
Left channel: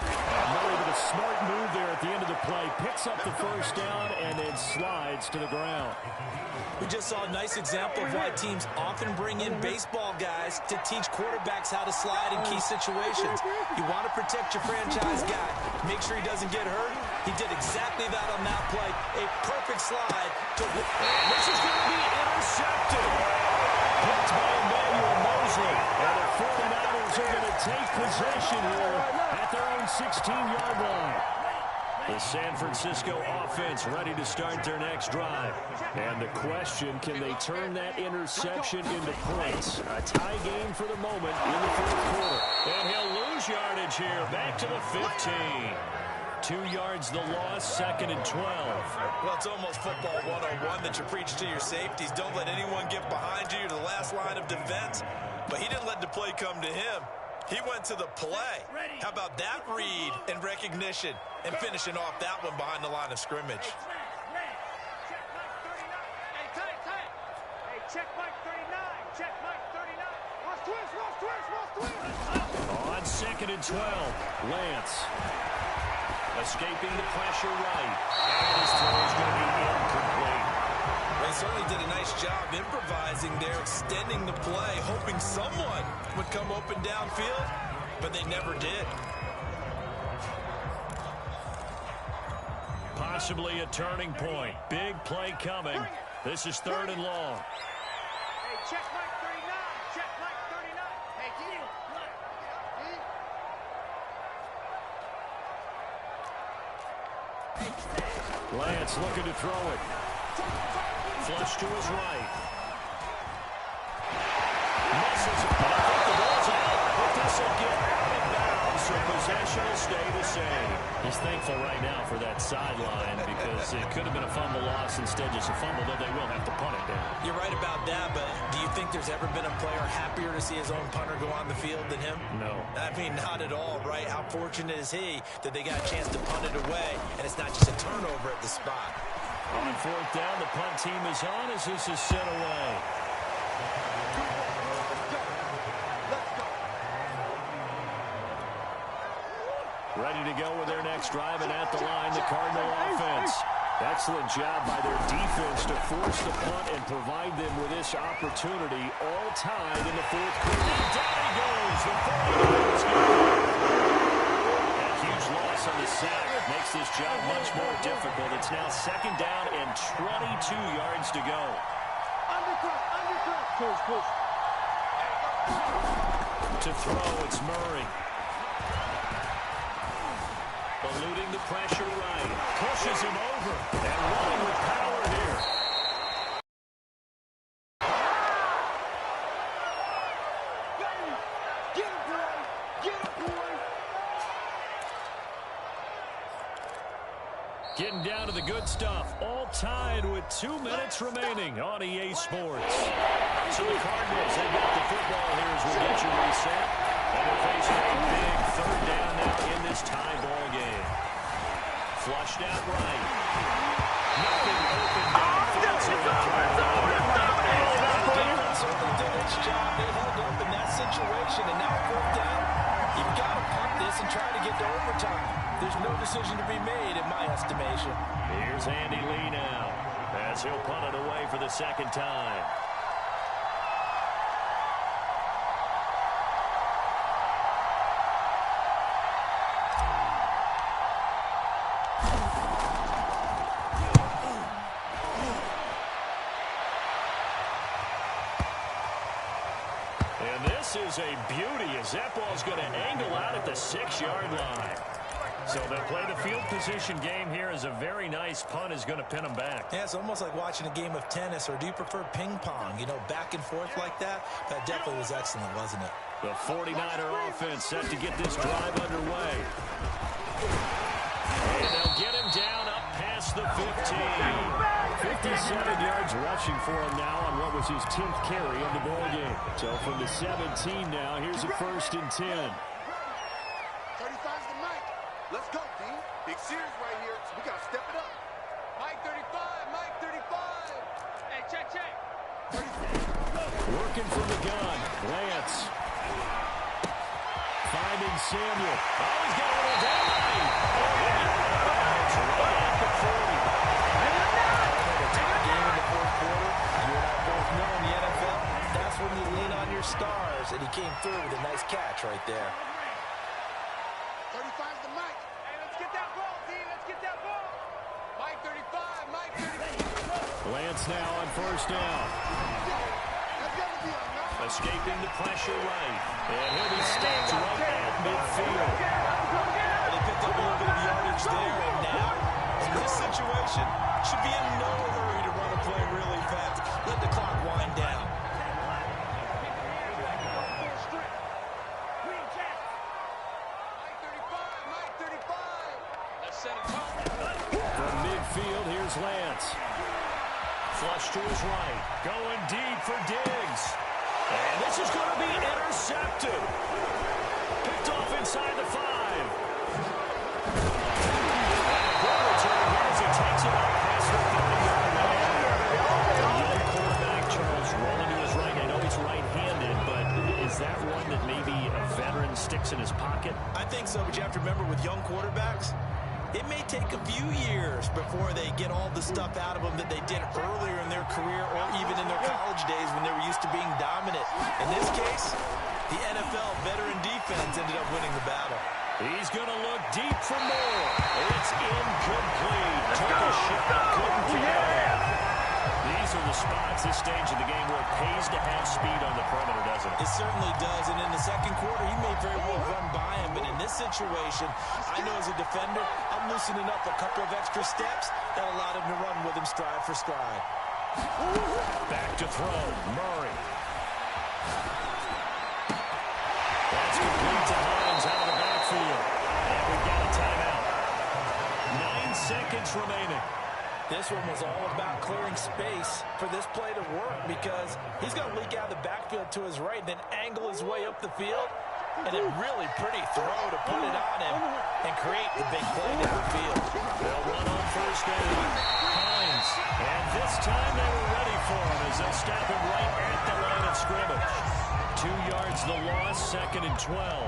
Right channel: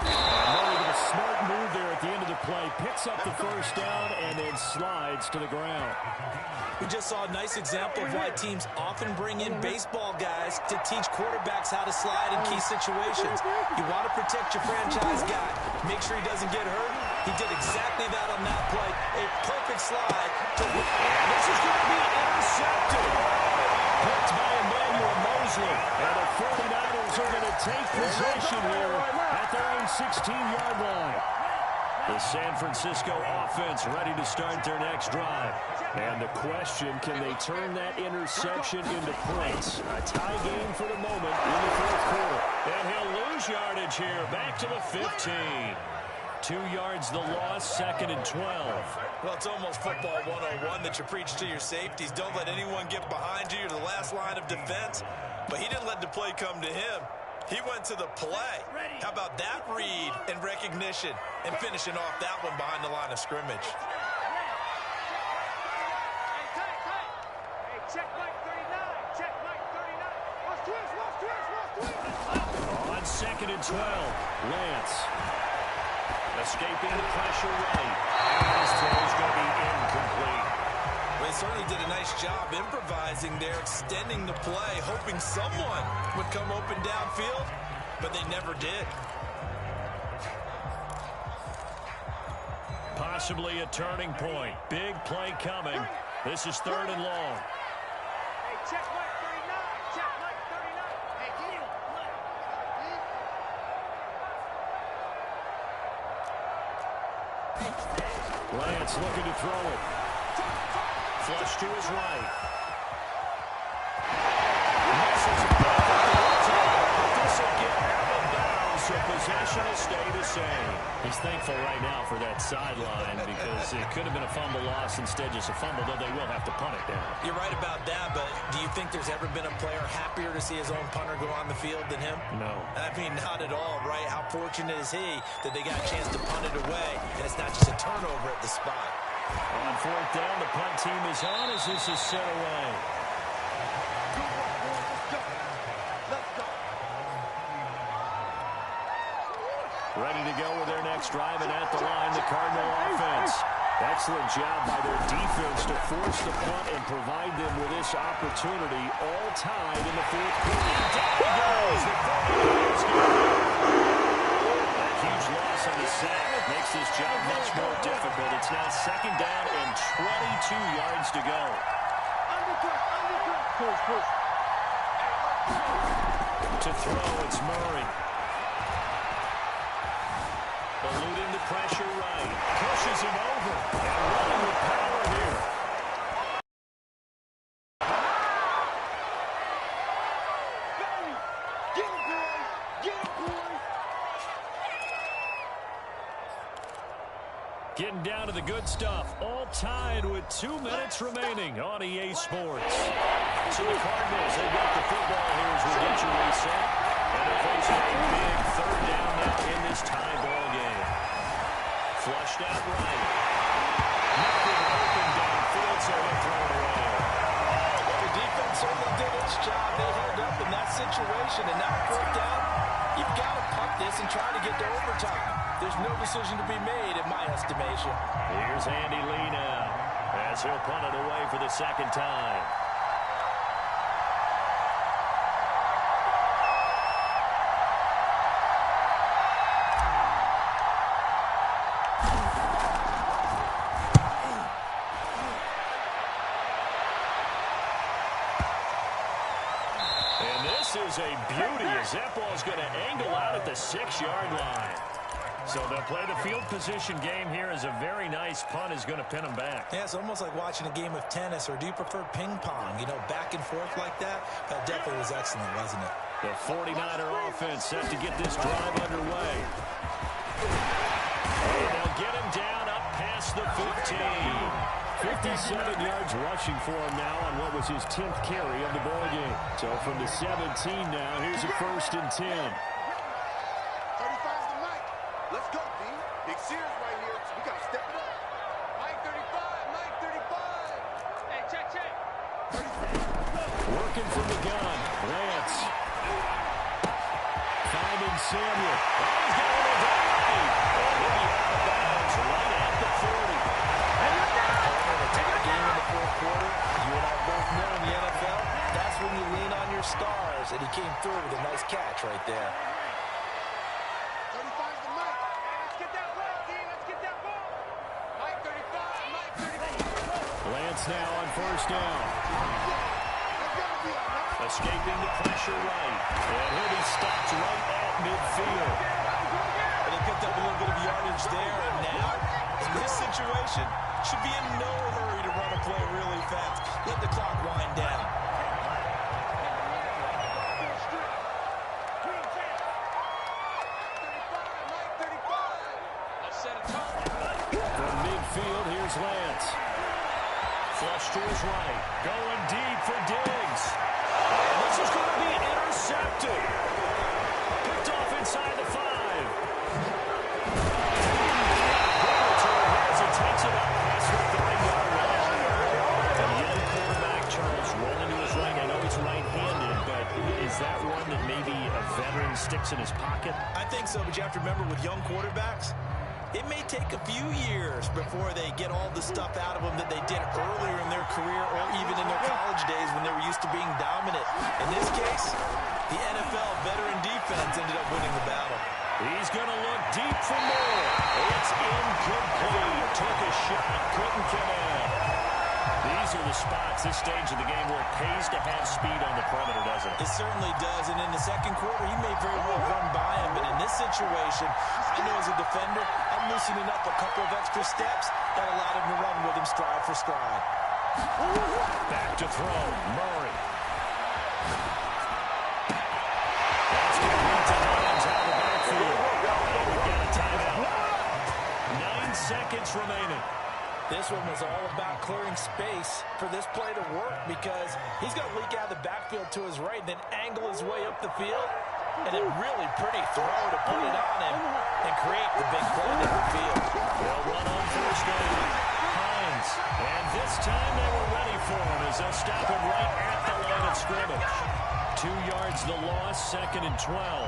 And Murray with a smart move there at the end of the play. Picks up the first down and then slides to the ground. We just saw a nice example of why teams often bring in baseball guys to teach quarterbacks how to slide in key situations. You want to protect your franchise guy. Make sure he doesn't get hurt. He did exactly that on that play. A perfect slide to win. And this is going to be intercepted. Picked by Emmanuel Mosley. And the 49ers are going to take possession here at their own 16-yard line. The San Francisco offense ready to start their next drive. And the question, can they turn that interception into points? A tie game for the moment in the fourth quarter. And he'll lose yardage here. Back to the 15. 2 yards the loss, 2nd and 12. Well, it's almost football 101 that you preach to your safeties. Don't let anyone get behind you. You're the last line of defense. But he didn't let the play come to him. He went to the play. How about that read and recognition and finishing off that one behind the line of scrimmage? Hey, check Mike 39. Check Mike 39. Watch twist, watch twist, watch twist. On 2nd and 12, Lance. Escaping the pressure right. And his throw is going to be incomplete. They certainly did a nice job improvising there, extending the play, hoping someone would come open downfield, but they never did. Possibly a turning point. Big play coming. This is 3rd and long. Hey, check Mike 39. Check Mike 39. Hey, get him. Lance looking to throw it. Flush to his right. Muscles it, but I think the ball's out. But this will get out of bounds, so possession will stay the same. He's thankful right now for that sideline because it could have been a fumble loss, instead just a fumble, though they will have to punt it down. You're right about that, but do you think there's ever been a player happier to see his own punter go on the field than him? No. I mean, not at all, right? How fortunate is he that they got a chance to punt it away, and it's not just a turnover at the spot. On 4th down, the punt team is on as this is sent away. Ready to go with their next drive, and at the line, the Cardinal offense. Excellent job by their defense to force the punt and provide them with this opportunity, all tied in the fourth quarter. Down he goes. The 49ers get it. That huge loss on the sack makes this job much more difficult. It's now 2nd down and 22 yards to go. Push. To throw, it's Murray. Eluding the pressure right. Pushes him over. And running with power here. Get him, boy. Get him, boy. Getting down to the good stuff. All tied with 2 minutes remaining on EA Sports. So the Cardinals, they've got the football here as we get you reset. And they're facing a big 3rd down now in this tie ball game. Flushed out right. Nothing open downfield, so they're thrown away. The defense certainly did its job. They held up in that situation, and now 4th down, you've got to punt this and try to get to overtime. There's no decision to be made, in my estimation. Here's Andy Lee now, as he'll punt it away for the 2nd time. is a beauty as that ball's going to angle out at the 6-yard line. So they'll play the field position game here as a very nice punt is going to pin them back. Yeah, it's almost like watching a game of tennis, or do you prefer ping pong? You know, back and forth like that? That definitely was excellent, wasn't it? The 49er offense set to get this drive underway. And they'll get him down up past the 15. 57 yards rushing for him now on what was his 10th carry of the ball game. So from the 17 now, here's a 1st and 10. 35's the mic. Let's go, D. Big Sears right here. So we got to step it up. Mike 35, Mike 35. Hey, check. 35. Working from the gun. Lance. Finding Samuel. Oh, he's got a little daylight. Oh, he'll be out of bounds right at the 40. A tight game in the fourth quarter. You and I both know in the NFL, that's when you lean on your stars, and he came through with a nice catch right there. 35's the mic. Hey, let's get that ball, D. Let's get that ball. Mike 35, Mike 35. Lance now on 1st down. That's got to be on now. Escaping the pressure right. And he'll be stopped right at midfield. And they picked up a little bit of yardage there, and now, in this situation, should be in no hurry to run a play really fast. Let the clock wind down. From midfield, here's Lance. Flush to his right. Going deep for Diggs. And this is going to be intercepted. Picked off inside the 5. Good return here as he takes it up past the 30-yard line. The young quarterback, Charles, rolling to his right. I know he's right-handed, but is that one that maybe a veteran sticks in his pocket? I think so, but you have to remember with young quarterbacks, it may take a few years before they get all the stuff out of them that they did earlier in their career or even in their college days when they were used to being dominant. In this case, the NFL veteran defense ended up winning the battle. He's going to look deep for more. It's incomplete. Took a shot, couldn't connect. These are the spots, this stage of the game, where it pays to have speed on the perimeter, doesn't it? It certainly does, and in the second quarter, he may very well run by him, but in this situation, I know as a defender, I'm loosening up a couple of extra steps that allowed him to run with him stride for stride. Back to throw, Murray. That's complete to Hines out of the backfield. And we've got a timeout. 9 seconds remaining. This one was all about clearing space for this play to work because he's going to leak out of the backfield to his right, then angle his way up the field, and a really pretty throw to put it on him and create the big play downfield. They'll run on 1st down. Hines. And this time they were ready for him as they'll stop him right at the line of scrimmage. 2 yards the loss, 2nd and 12.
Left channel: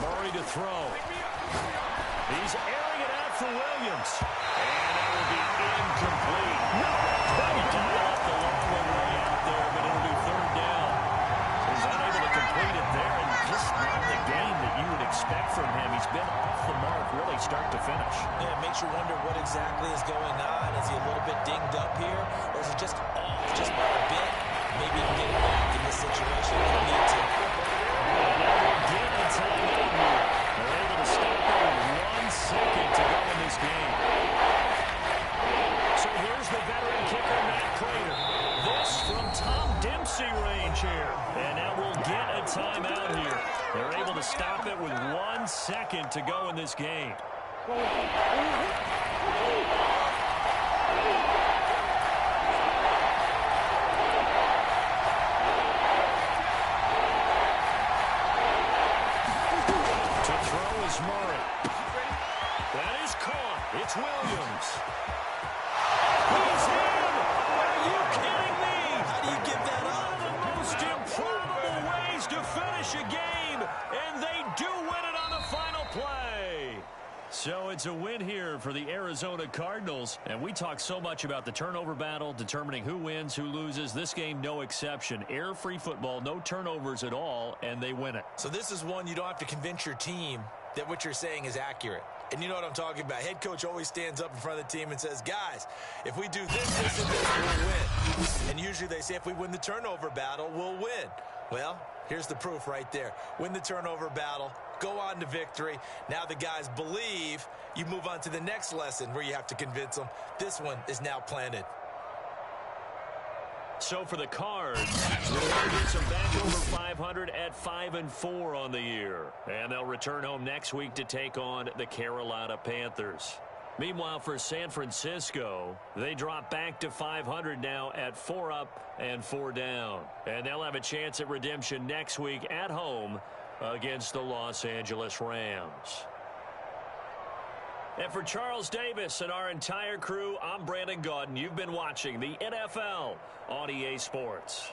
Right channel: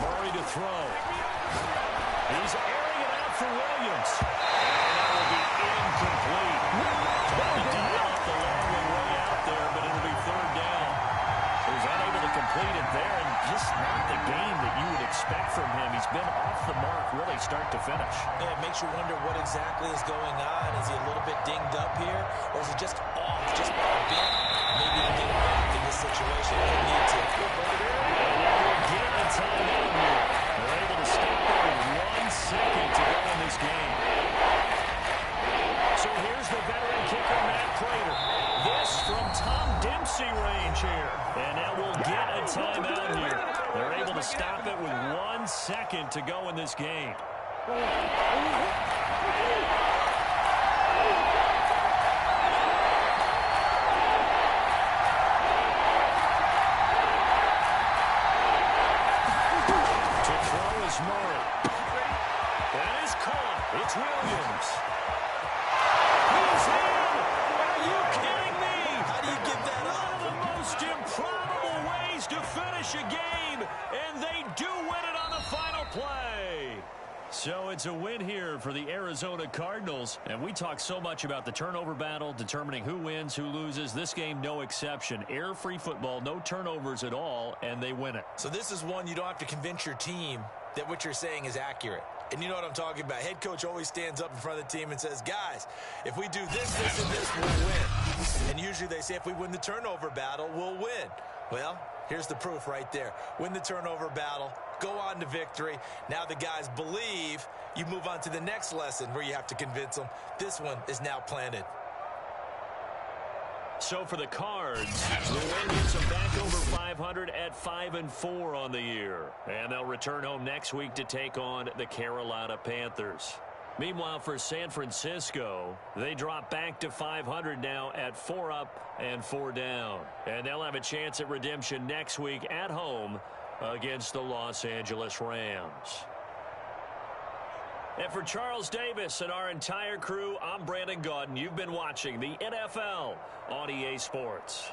Murray to throw. He's airing it out for Williams. And that will be incomplete. Trying to dial up the long way out there, but it'll be 3rd down. So he's unable to complete it there, and just not the game that you would expect from him. He's been off the mark, really start to finish. Yeah, it makes you wonder what exactly is going on. Is he a little bit dinged up here, or is he just off just by a bit? Maybe he can get it back in this situation. He'll need to. And now we'll get a timeout here. They're able to stop it with 1 second to go in this game. So here's the veteran kicker, Matt Prater. This from Tom Dempsey range here. And now we'll get a timeout here. They're able to stop it with 1 second to go in this game. Murray. That is caught. It's Williams. He's in! Are you kidding me? How do you give that up? One of the most improbable ways to finish a game, and they do win it on the final play. So it's a win here for the Arizona Cardinals. And we talk so much about the turnover battle, determining who wins, who loses. This game, no exception. Air-free football, no turnovers at all, and they win it. So this is one you don't have to convince your team that what you're saying is accurate. And you know what I'm talking about. Head coach always stands up in front of the team and says, guys, if we do this, this, and this, we'll win. And usually they say if we win the turnover battle, we'll win. Well, here's the proof right there. Win the turnover battle, go on to victory. Now the guys believe. You move on to the next lesson where you have to convince them. This one is now planted. So for the Cards, the Warriors are back over 500 at 5-4 on the year. And they'll return home next week to take on the Carolina Panthers. Meanwhile, for San Francisco, they drop back to 500 now at 4 up and 4 down. And they'll have a chance at redemption next week at home against the Los Angeles Rams. And for Charles Davis and our entire crew, I'm Brandon Gaudin. You've been watching the NFL on EA Sports.